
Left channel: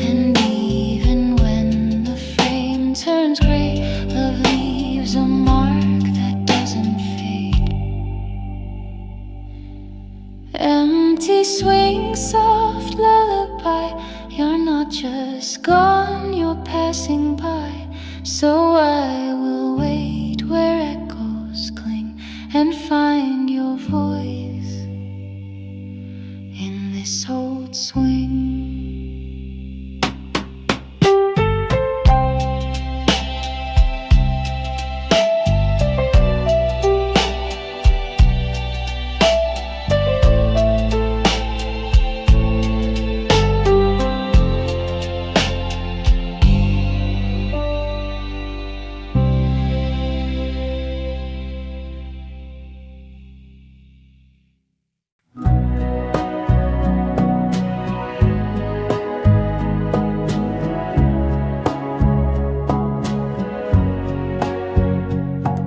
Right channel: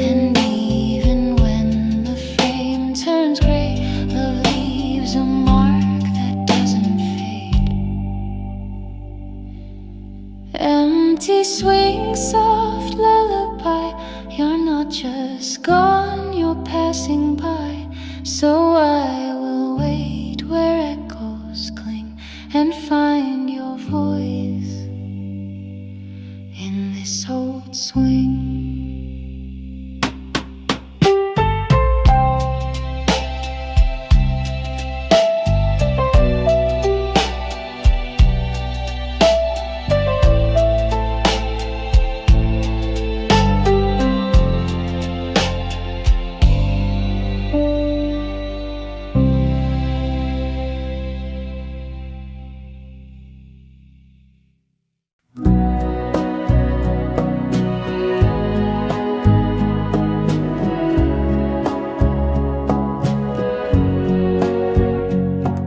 And even when the frame turns gray, love leaves a mark that doesn't fade. Empty swing, soft lullaby, you're not just gone, you're passing by. So I will wait where echoes cling and find your voice in this old swing.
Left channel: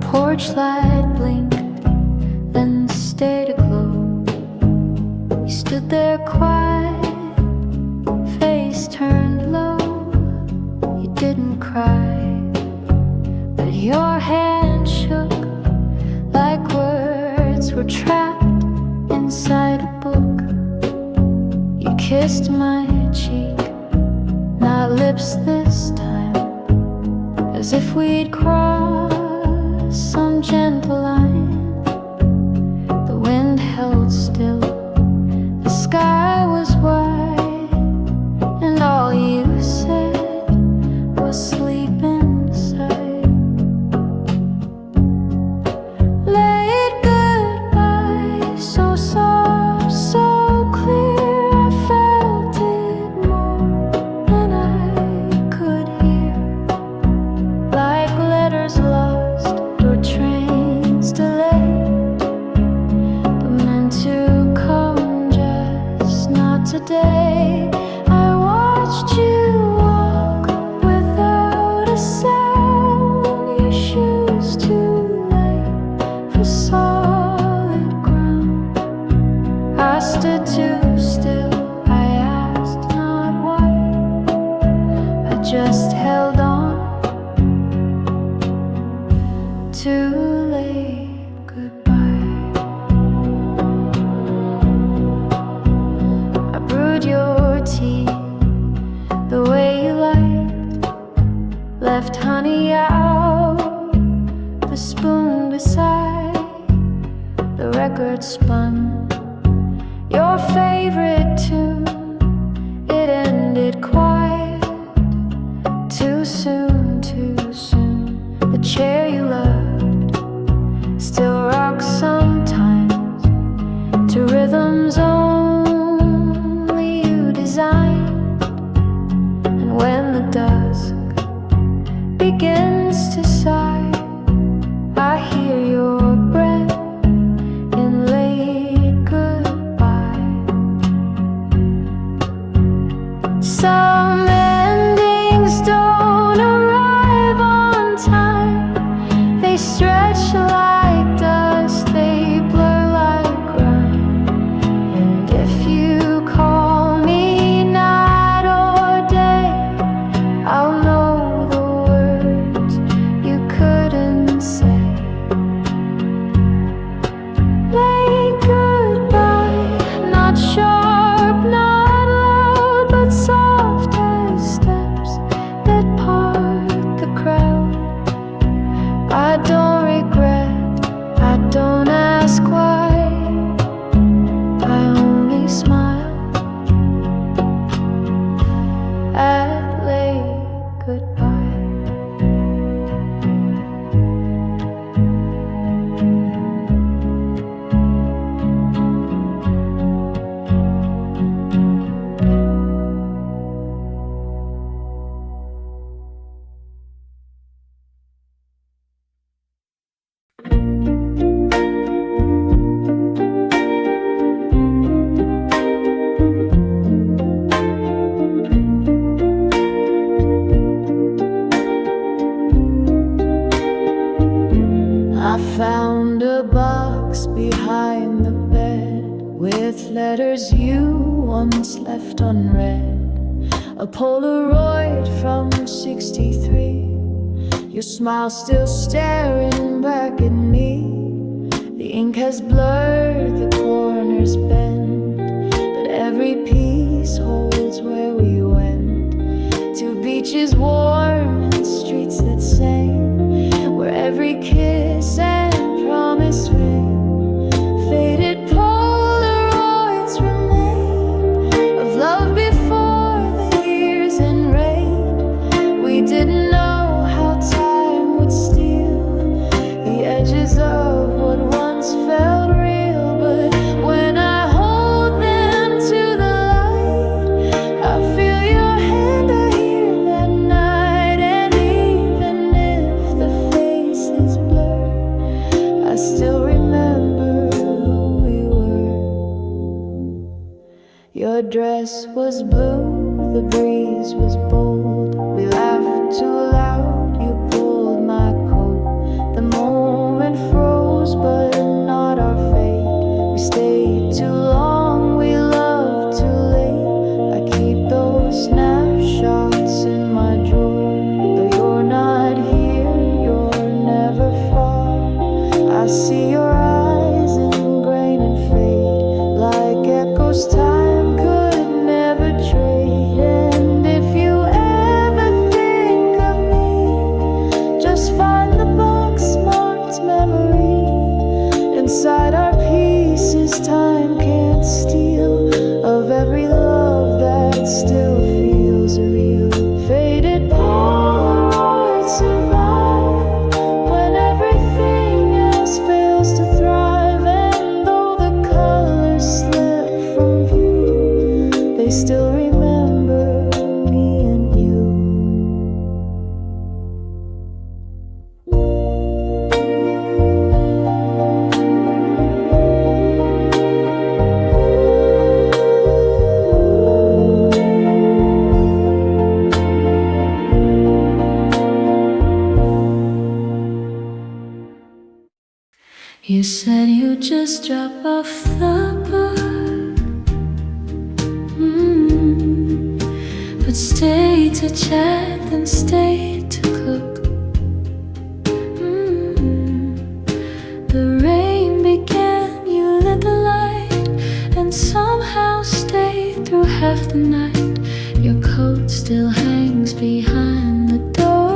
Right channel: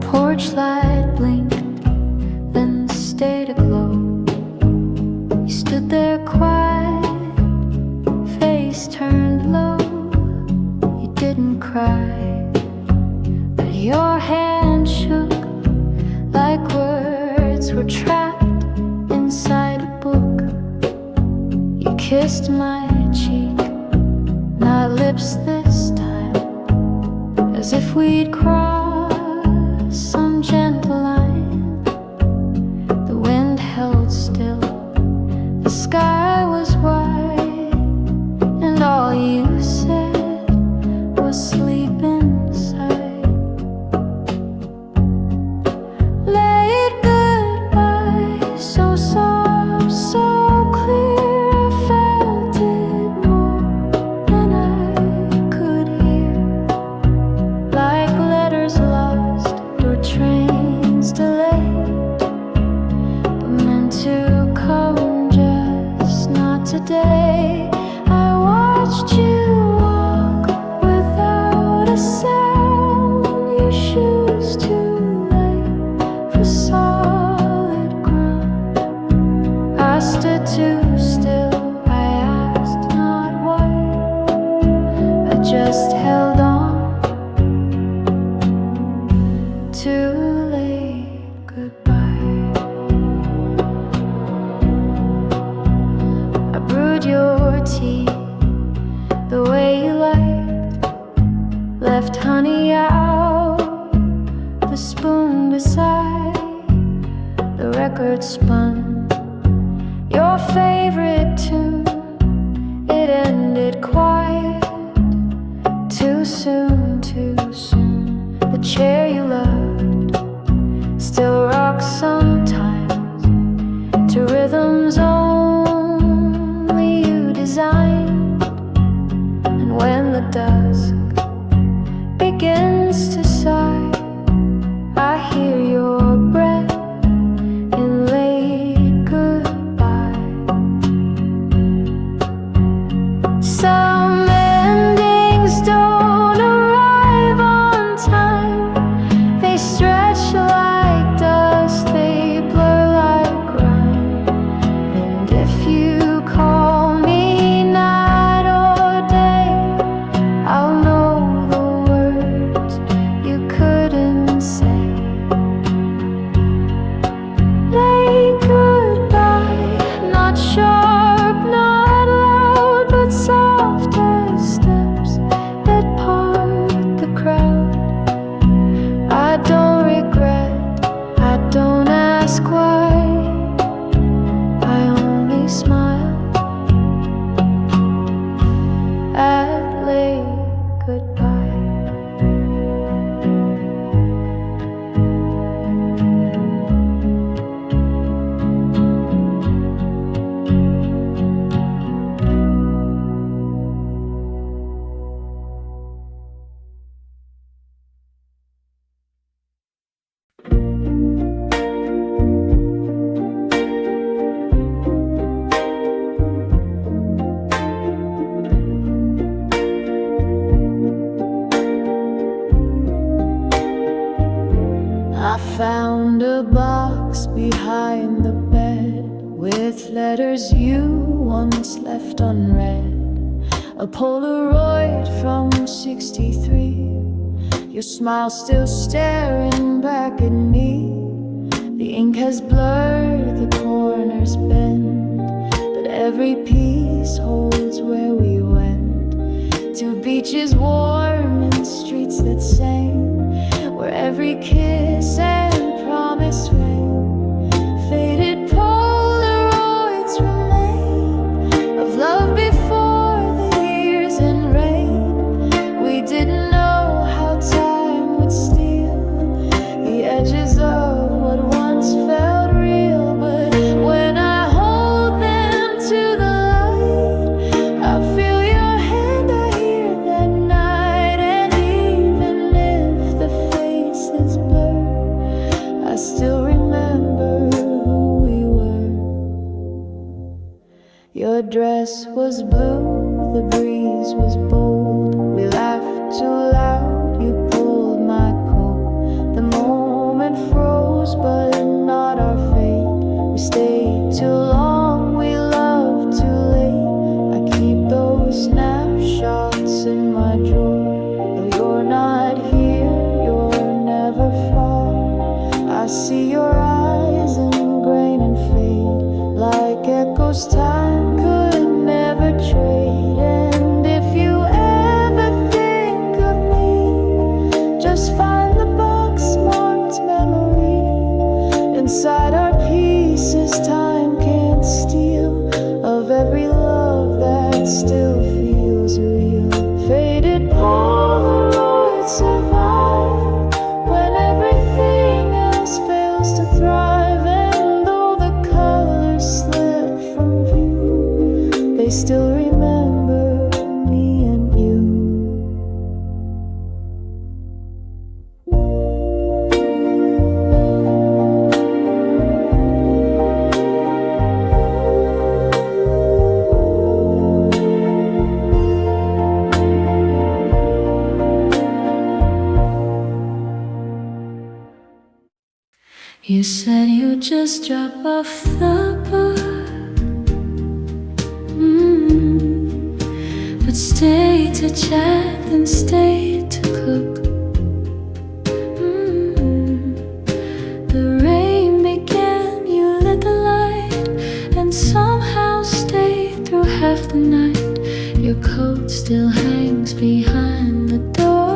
Porch light blinked, then stayed aglow. You stood there quiet, face turned low. You didn't cry, but your hand shook like words were trapped inside a book. You kissed my cheek, not lips this time, as if we'd crossed some gentle line. The wind held still, the sky was white, and all you said was sleep inside. Late goodbye, so soft, so clear, I felt it more than I could hear, like letters lost or trains delayed, but meant to come, just not today. I watched you walk without a sound, your shoes too light for solid ground. I stood too still, I asked not why, I just held on. Too late, goodbye. I brewed your tea the way you liked, left honey out, the spoon beside, the record spun your favorite tune. It ended quiet, too soon, too soon. The chair you loved still rocks sometimes to rhythms only you designed. And when the dusk begins to sigh, I hear your breath in late goodbye. Some endings don't arrive on time, they stretch like dust, they blur like rhyme. And if you call me night or day, I'll know the words you couldn't say. Late goodbye, not sharp, not loud, but soft as steps that part the crowd. I don't regret, I don't ask why, I only smile at late goodbye. I found a box behind the bed with letters you once left unread. A Polaroid from '63, your smile still staring back at me. The ink has blurred, the corners bend, but every piece holds where we went. To beaches warm and streets that sang, where every kiss and promise rang. Faded Polaroids remain of love before the years and rain. We didn't know how time would steal the edges of what once felt real, but when I hold them to the light, I feel your hand, I hear that night. And even if the face is blurred, I still remember who we were. Your dress was blue, the breeze was bold. We laughed too loud, you pulled my coat. The moment froze, but not our fate. We stayed too long, we loved too late. I keep those snapshots in my drawer. Though you're not here, you're never far. I see your eyes in grain and fade, like echoes time could never trade. And if you ever think of me, just find the box marked memory. Inside our pieces time can't steal, of every love that still feels real. Faded Polaroids survive when everything else fails to thrive. And though the colors slip from view, they still remember me and you. You said you'd just drop off the book, but stay to chat and stay to cook. The rain began, you lit the light, and somehow stayed through half the night. Your coat still hangs behind the door.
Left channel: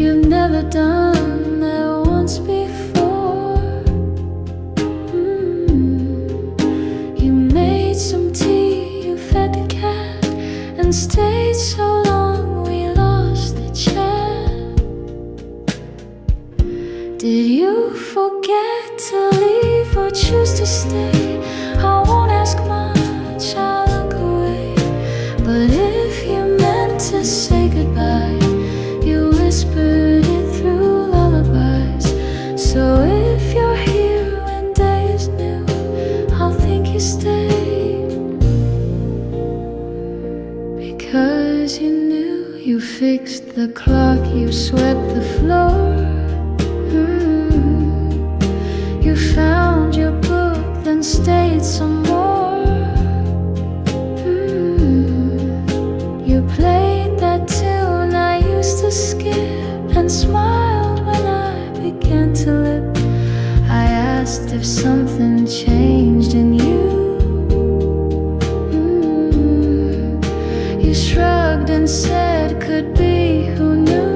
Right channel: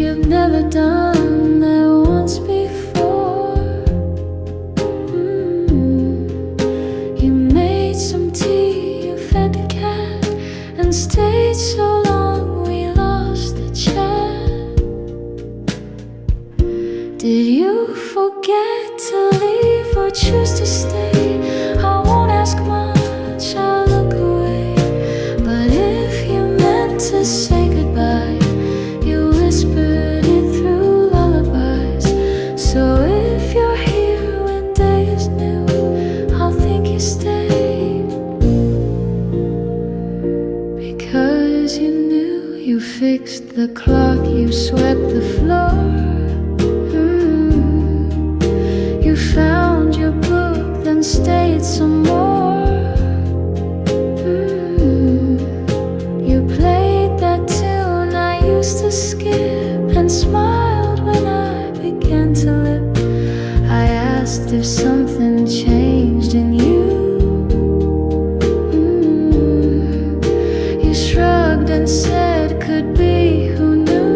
You've never done that once before. You made some tea, you fed the cat, and stayed so long we lost the chat. Did you forget to leave or choose to stay? I won't ask much, I'll look away. But if you meant to say goodbye, you whispered it through lullabies. So if you're here when day is new, I'll think you stayed, because you knew. You fixed the clock, you swept the floor. You found your book, then stayed some more. You played that tune I used to skip, and smiled when I began to lip. I asked if something changed in you. You shrugged and said, could be, who knew?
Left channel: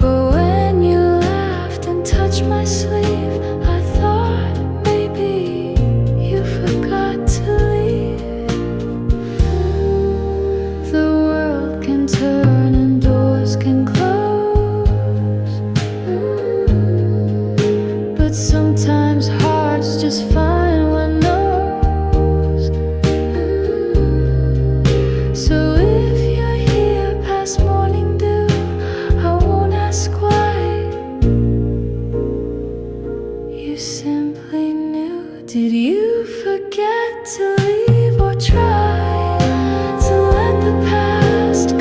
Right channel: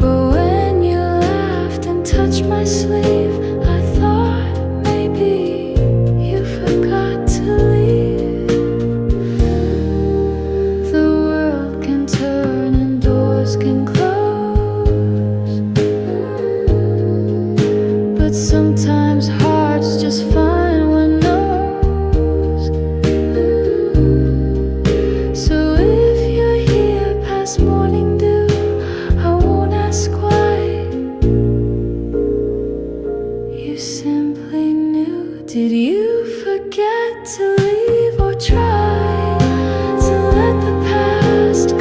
But when you laughed and touched my sleeve, I thought maybe you forgot to leave. The world can turn and doors can close, but sometimes hearts just find one knows. So if you're here past morning dew, I won't ask why. You simply knew. Did you forget to leave or try to let the past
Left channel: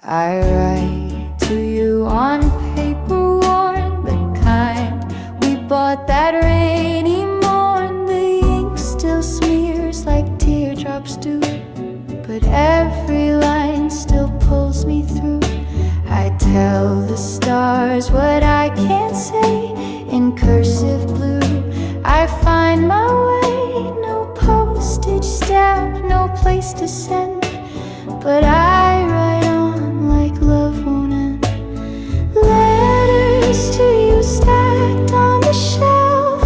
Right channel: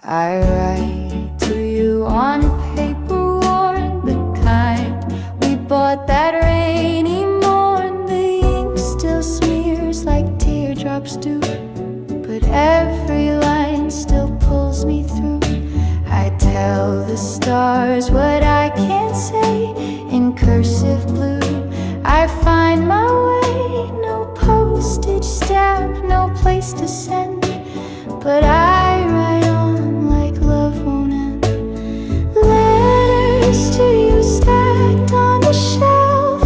I write to you on paper worn, the kind we bought that rainy morn. The ink still smears like teardrops do, but every line still pulls me through. I tell the stars what I can't say in cursive blue. I find my way, no postage stamp, no place to send, but I write on like love won't end. Letters to you stacked on the shelf,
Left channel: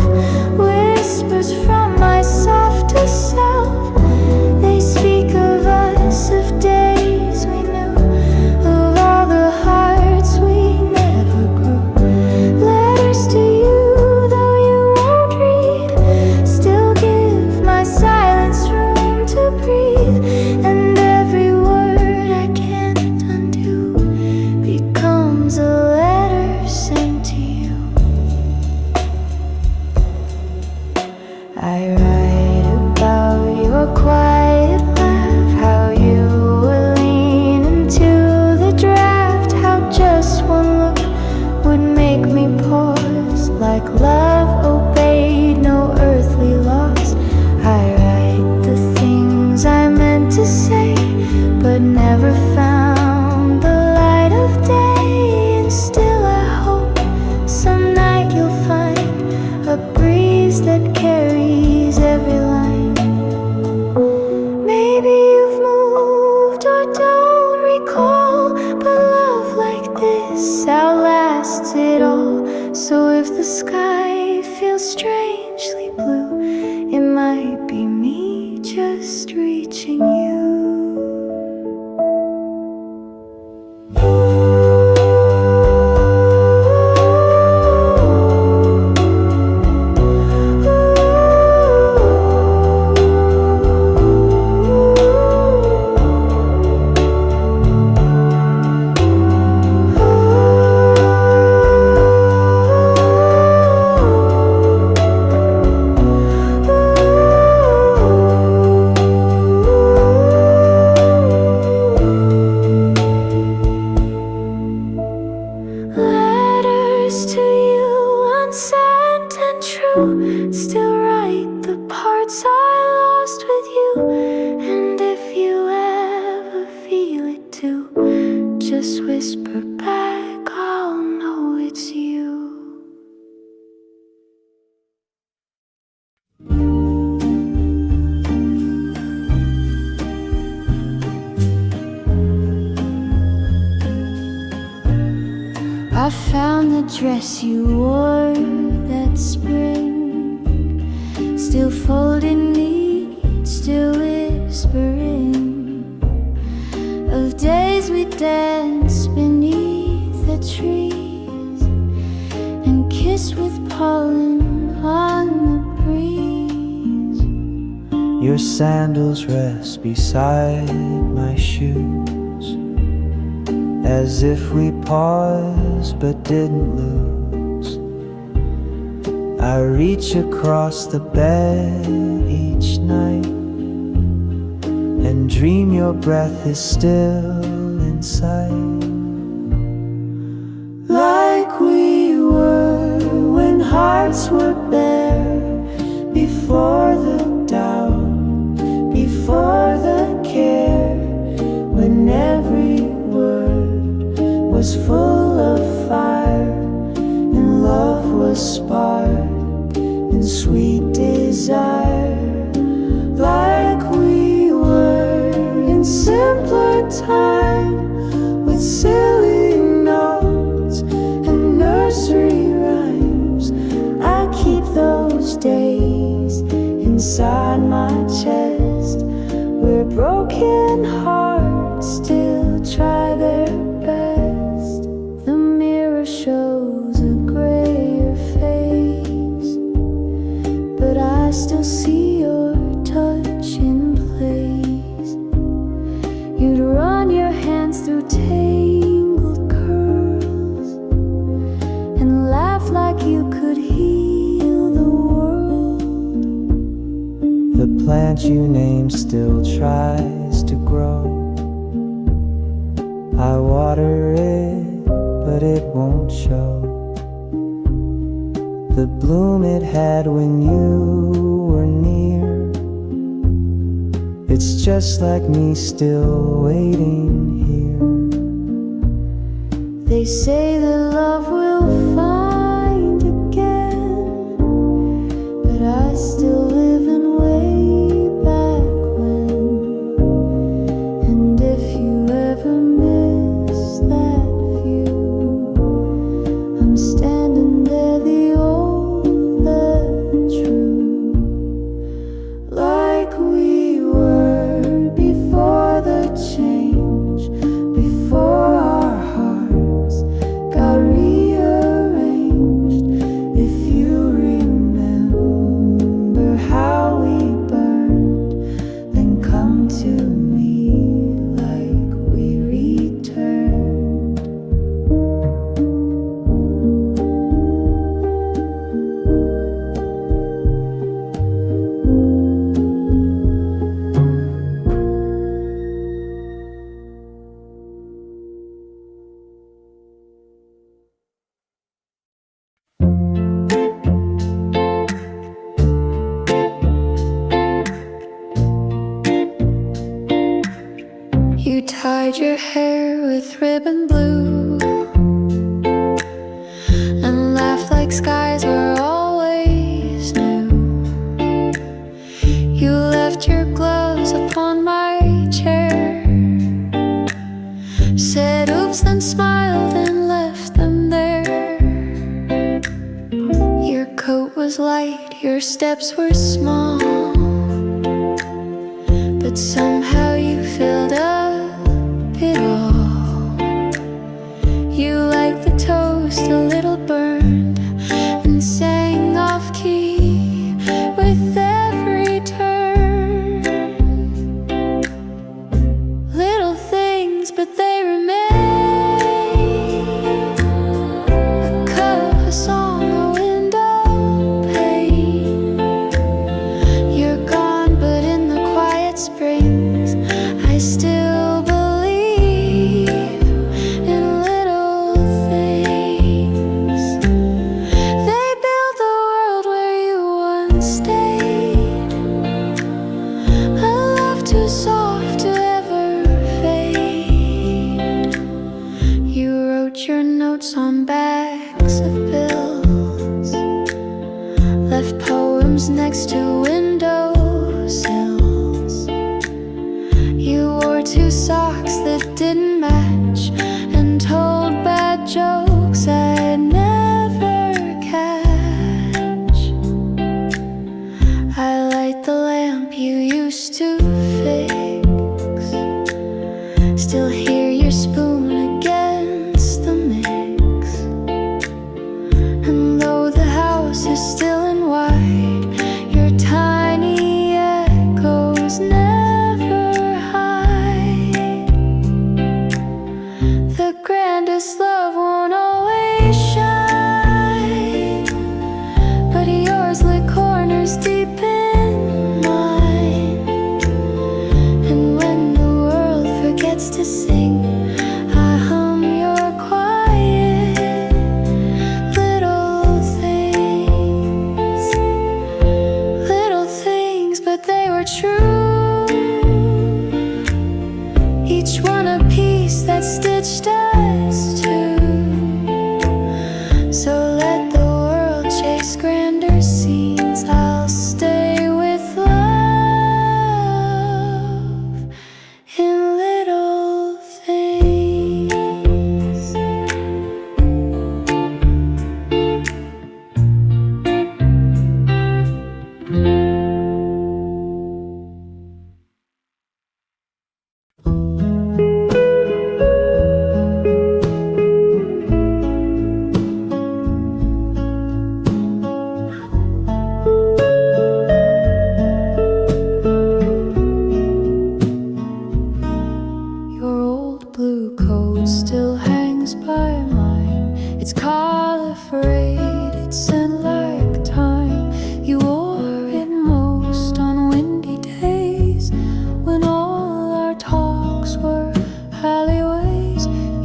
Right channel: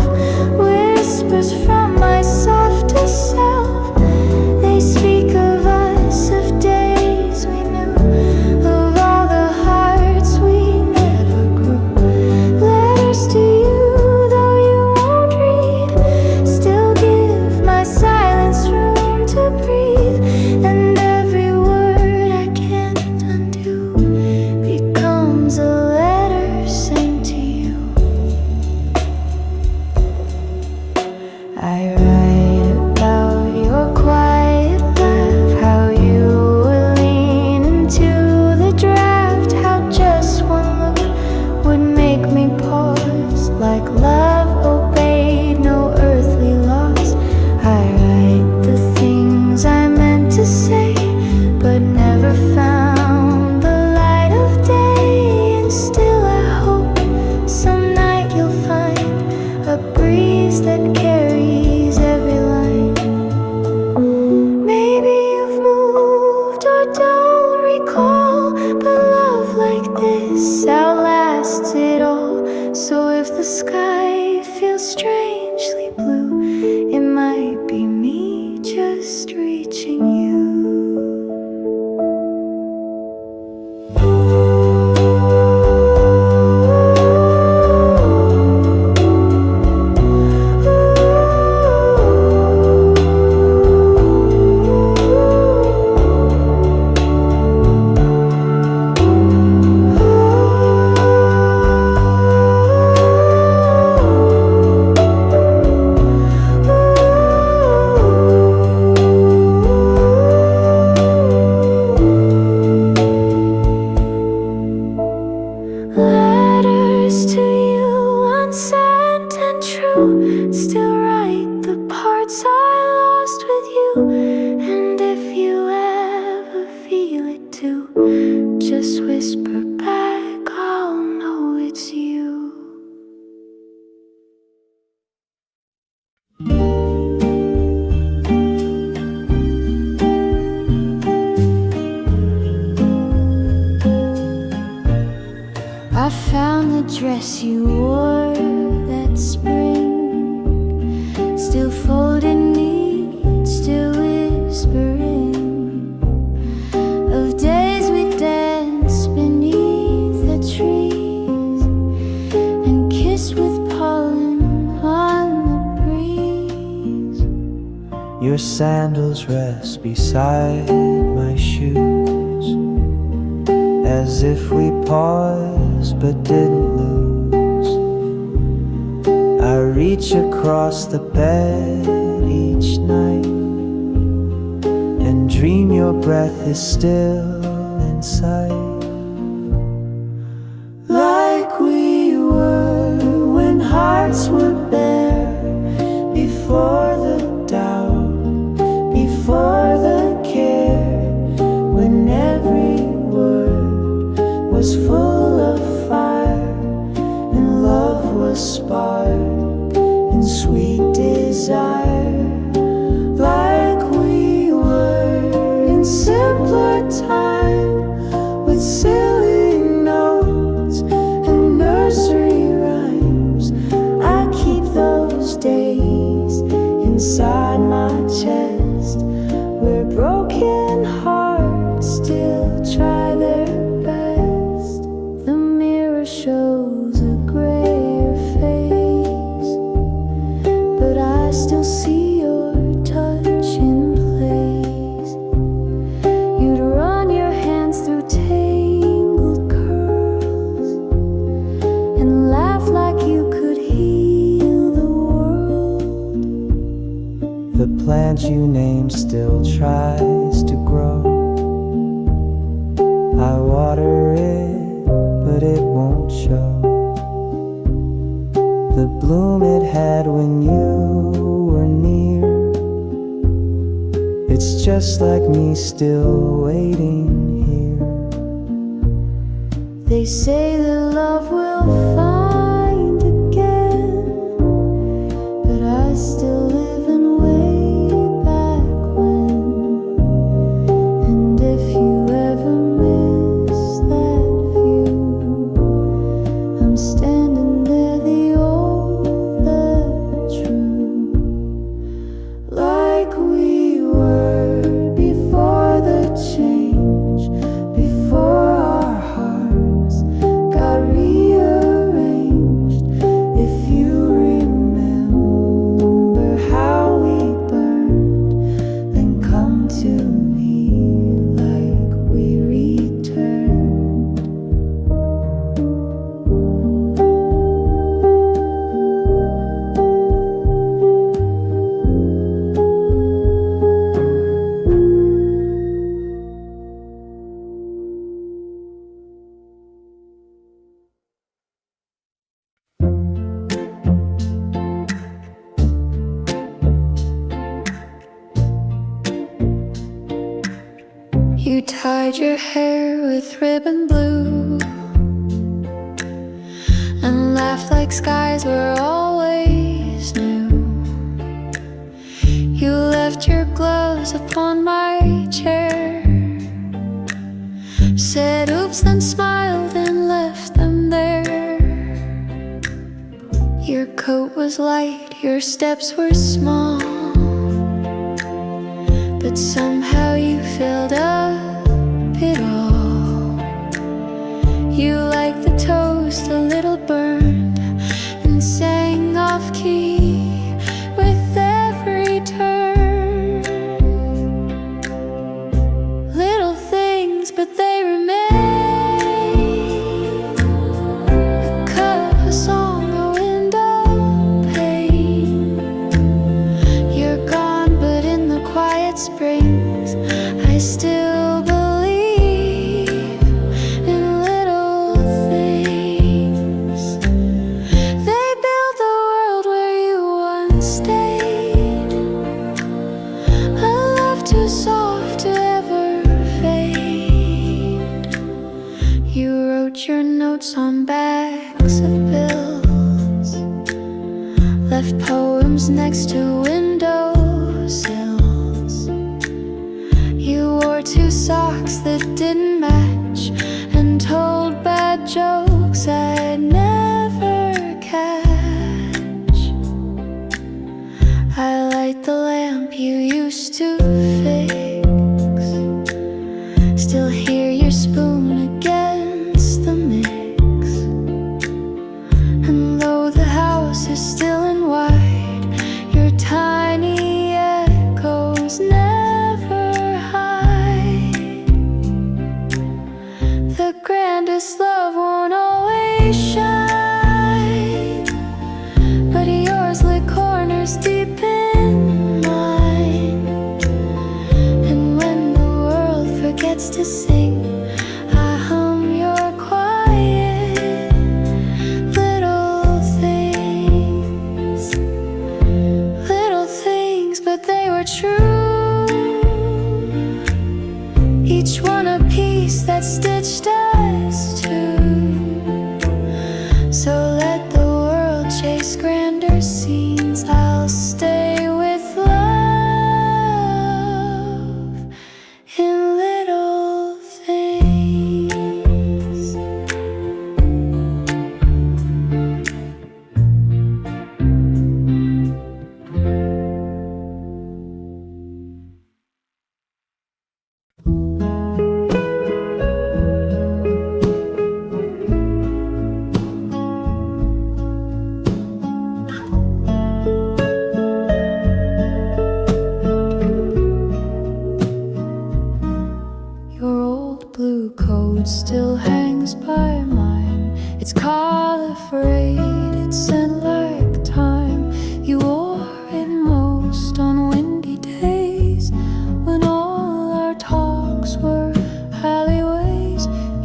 whispers from my softest self. They speak of us, of days we knew, of all the hearts we never grew. Letters to you, though you won't read, still give my silence room to breathe. And every word I can't undo becomes a letter sent to you. I write about your quiet laugh, how you would lean into the draft, how just one look would make me pause, like love obeyed no earthly laws. I write the things I meant to say, but never found the light of day. And still I hope some night you'll find a breeze that carries every line. Maybe you've moved or don't recall, but love like this outlasts it all. So if the sky feels strangely blue, it might be me just reaching you. Letters to you, unsent and true, still write the parts I lost with you. And if you ever feel it too, just whisper back, I'll know it's you. I found the dress you wore that spring, still folded neat, still whispering of days we danced beneath the trees and kissed with pollen on the breeze. Your sandals rest beside my shoes, as if we paused but didn't lose. I reach across the bed each night and dream your breath is still in sight, like we were when hearts were bare, before the doubt, before the care, when every word was full of fire and love was sparked in sweet desire, like we were in simpler time, with silly notes and nursery rhymes. I keep those days inside my chest, where broken hearts still try their best. The mirror shows a grayer face, but I still see your touch in place. You'd run your hands through tangled curls and laugh like you could heal the world. The plant you named still tries to grow. I water it, but it won't show the bloom it had when you were near. It's just like me still waiting here. They say that love will find again, but I still live in way back when. And if you ever miss that view, I'm standing there, the old, the true, like we were before the change, before our hearts got rearranged. If you remember how we burned, then come to me like we returned. You tied your hair with ribbon blue and laughed like skies were always new. You left your gloves upon my chair, said oops, then smiled and left them there. Your coat was light, your steps were small, but somehow you filled up it all. You liked the toast a little burned and sang off key with every turn. Little things, but they remain. A cup, a song, a window pane. You're gone, but in the quiet springs I still believe in little things. They build the world where you once stayed, a love too soft to ever fade. You wrote your notes on backs of bills, left poems next to windowsills. You wore two socks that didn't match and told bad jokes I'd never catch. I light the lamp you used to fix, still hear your spoon against the mix. And though the house is still and wide, your tiny echoes never hide the grandest love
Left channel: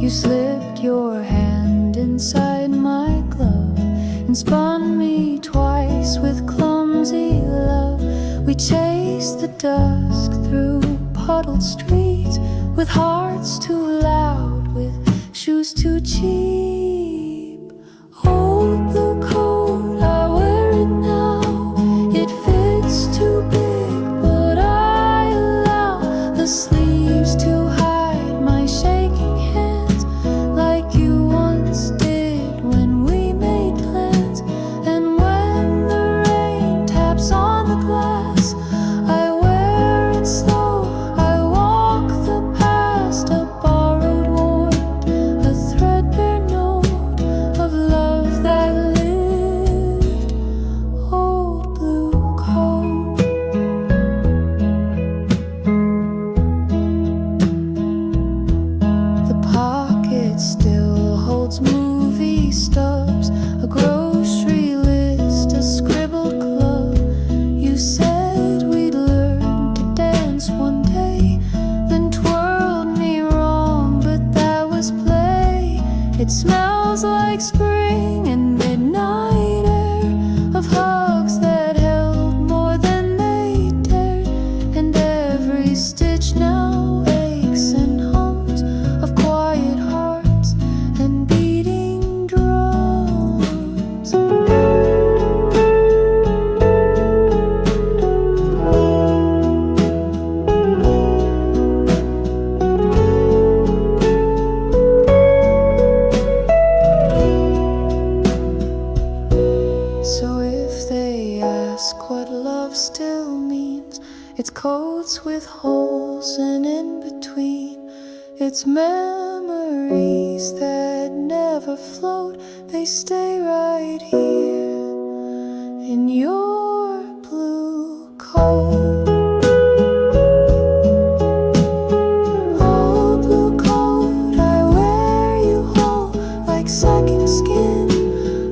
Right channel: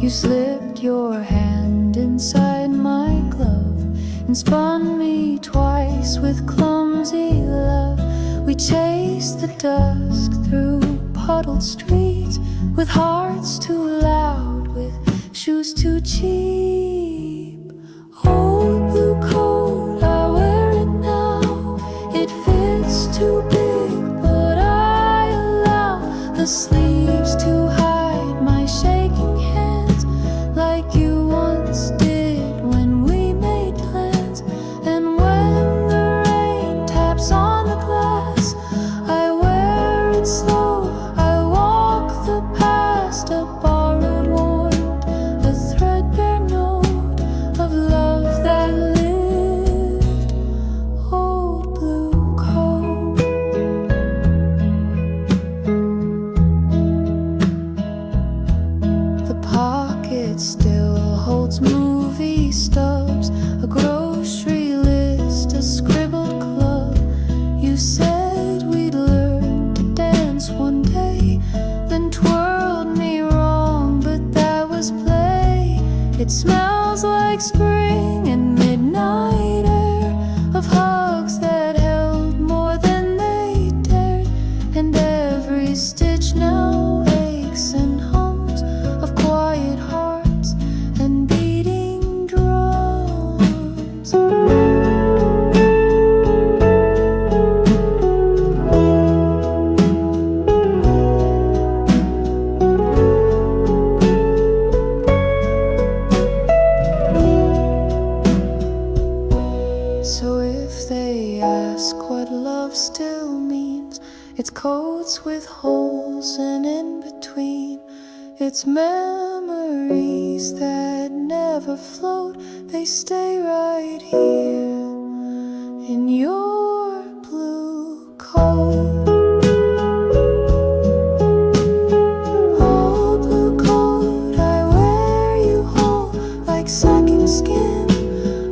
You slipped your hand inside my glove and spun me twice with clumsy love. We chased the dusk through puddled streets, with hearts too loud, with shoes too cheap. Old blue coat, I wear it now. It fits too big, but I allow the sleeves to hide my shaking hands, like you once did when we made plans. And when the rain taps on the glass, I wear it slow. I walk the past, a borrowed warmth, a threadbare note of love that lived. Old blue coat. The pocket still holds movie stubs, a grocery list, a scribbled club. You said we'd learn to dance one day, then twirled me wrong, but that was play. It smells like spring and midnight air, of hugs that held more than they dared. And every stitch now aches and hums of quiet hearts and beating drums. So if they ask what love still means, it's coats with holes, and in between it's memories that never float. They stay right here in your blue coat. Old blue coat, I wear you whole, like second skin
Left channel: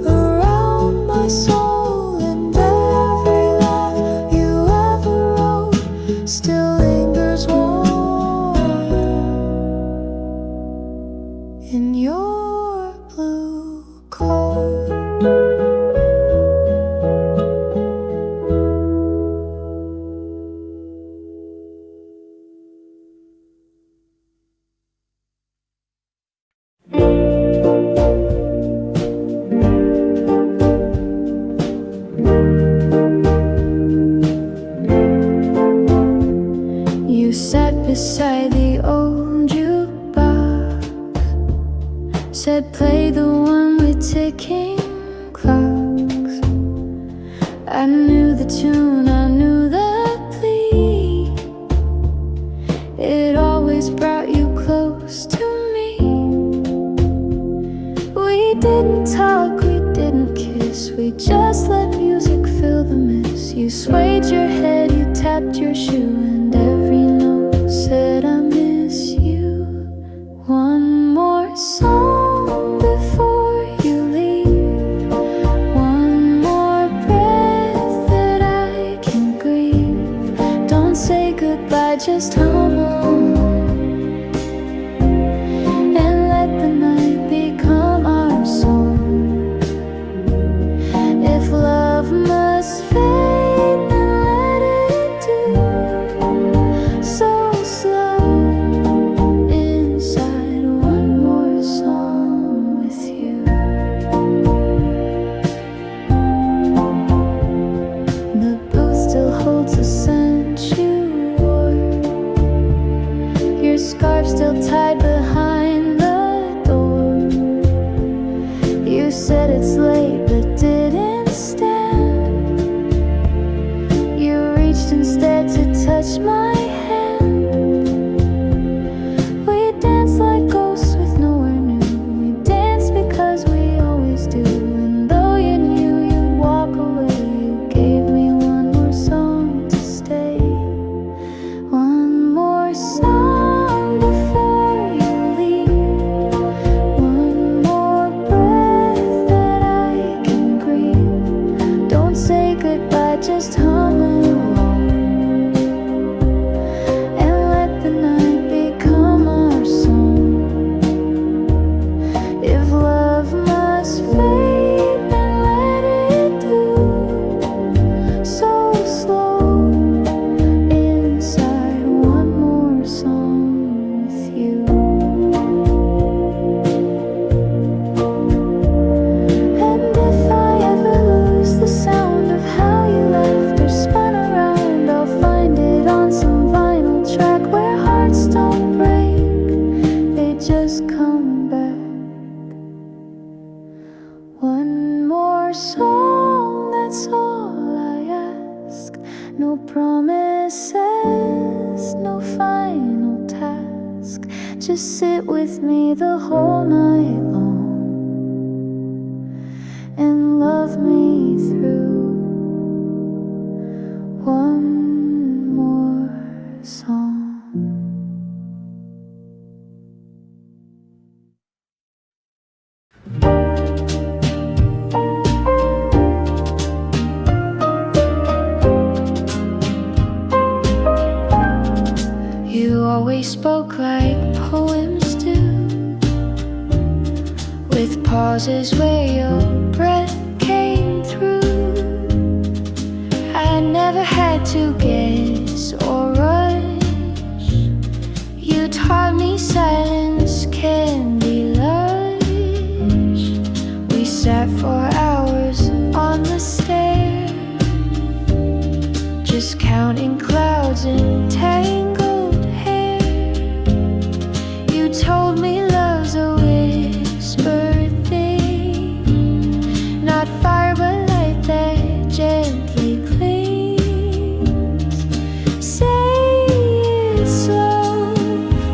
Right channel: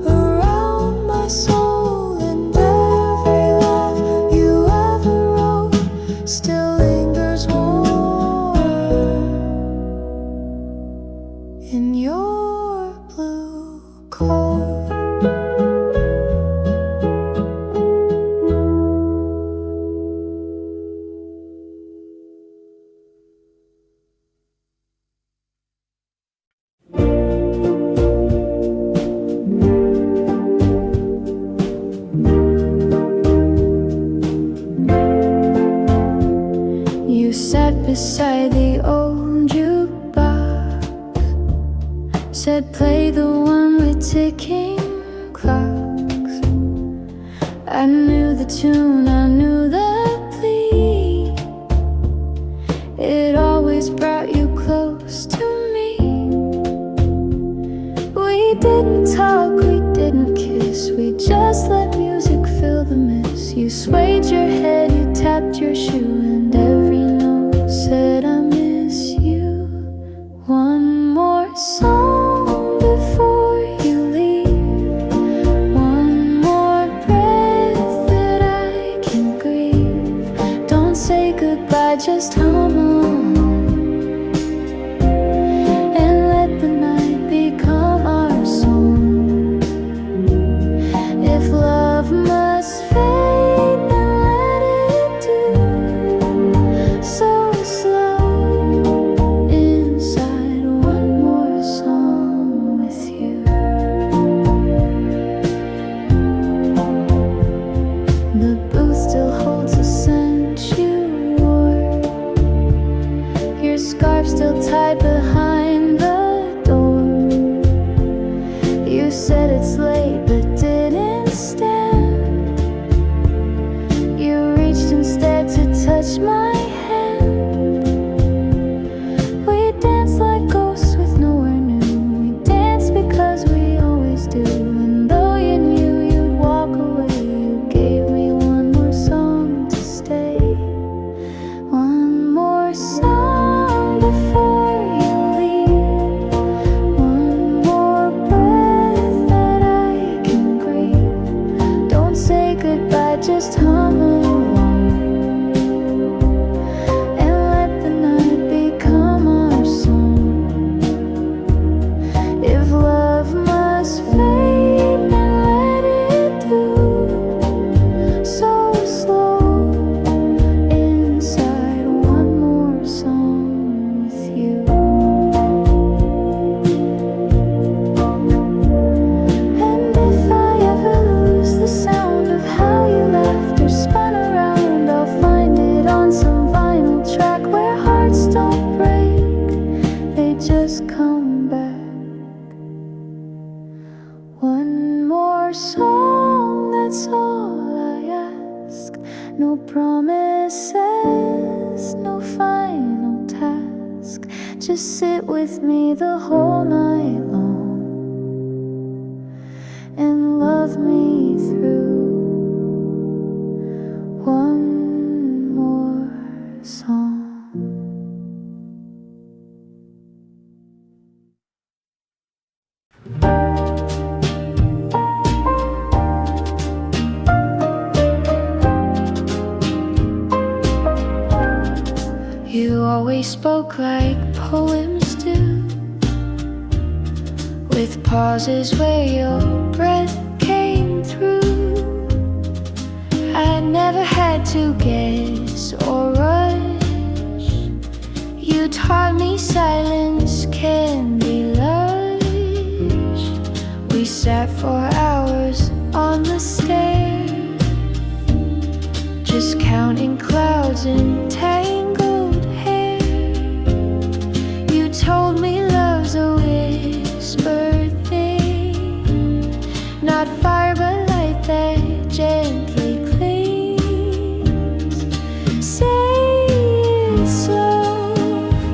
around my soul. And every laugh you ever wrote still lingers warm in your blue coat. You sat beside the old jukebox, said play the one with ticking clocks. I knew the tune, I knew the plea. It always brought you close to me. We didn't talk, we didn't kiss, we just let music fill the miss. You swayed your head, you tapped your shoe, and every note said I miss you. One more song before you leave, one more breath that I can grieve. Don't say goodbye, just hum on, and let the night become our song. If love must fade, then let it do so slow. Inside one more song with you. The booth still holds the scent you wore, your scarf still tied behind the door. You said it's late but didn't stand. You reached instead to touch my hand. We danced like ghosts with nowhere new. We danced because we always do. And though you knew you'd walk away, you gave me one more song to stay. One more song before you leave, one more breath that I can grieve. Don't say goodbye, just hum along, and let the night become our song. no promises, no final task. Just sit with me the whole night long and love me through one more song. You always spoke like poems do, with pauses where your breath came through. I never had to guess or rush. You taught me silence can be lush. We sat for hours on the stairs, just counting clouds and tangled hair. You told me love's a whispered thing, not fire but light that gently clings. Say it slow,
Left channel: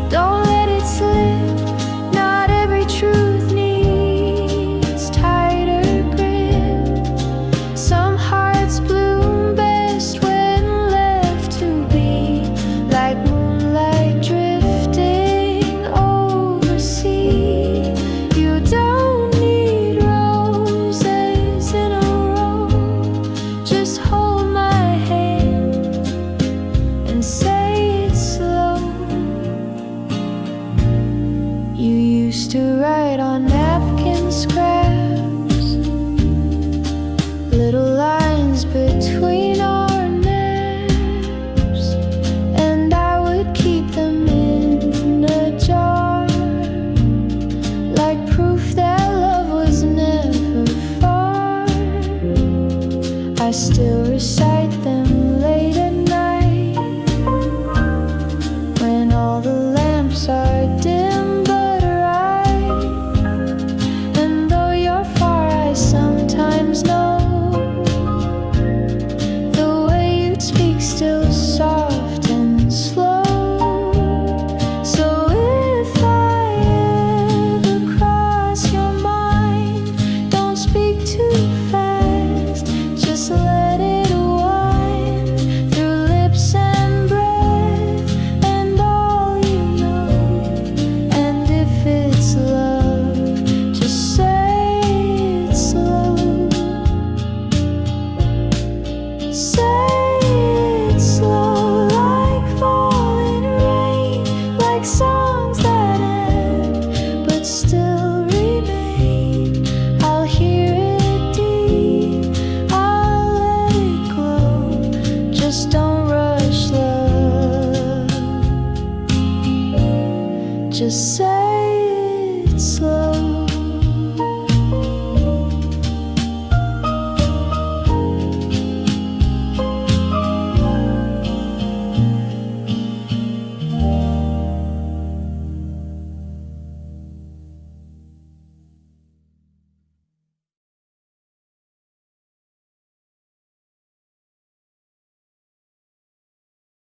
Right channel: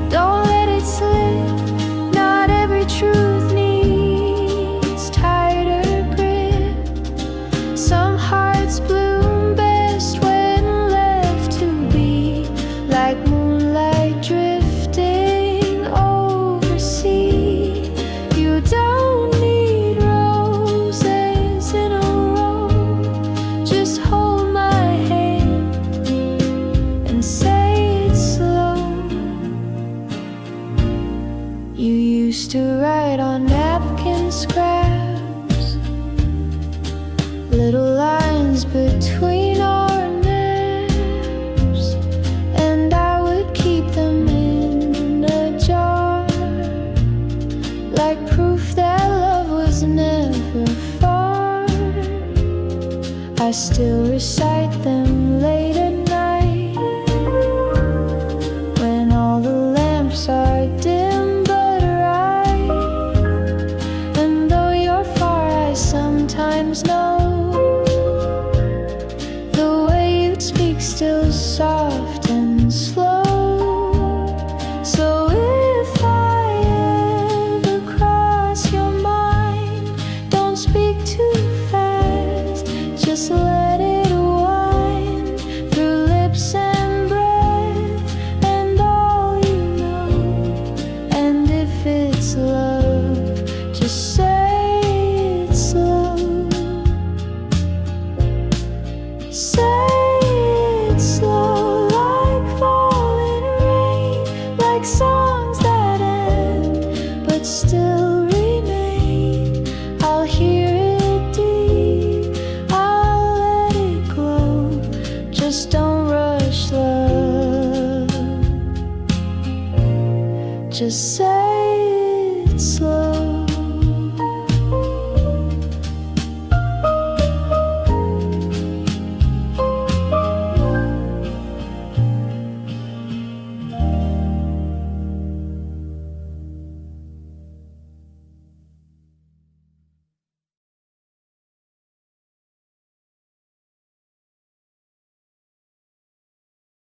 don't let it slip. Not every truth needs tighter grip. Some hearts bloom best when left to be, like moonlight drifting over sea. You don't need roses in a row, just hold my hand and say it slow. You used to write on napkin scraps, little lines between our naps, and I would keep them in a jar, like proof that love was never far. I still recite them late at night, when all the lamps are dim but bright. And though you're far, I sometimes know the way you speak still soft and slow. So if I ever cross your mind, don't speak too fast, just let it wind through lips and breath and all you know. And if it's love, just say it slow. Say it slow, like falling rain, like songs that end but still remain. I'll hear it deep, I'll let it glow. Just don't rush love, just say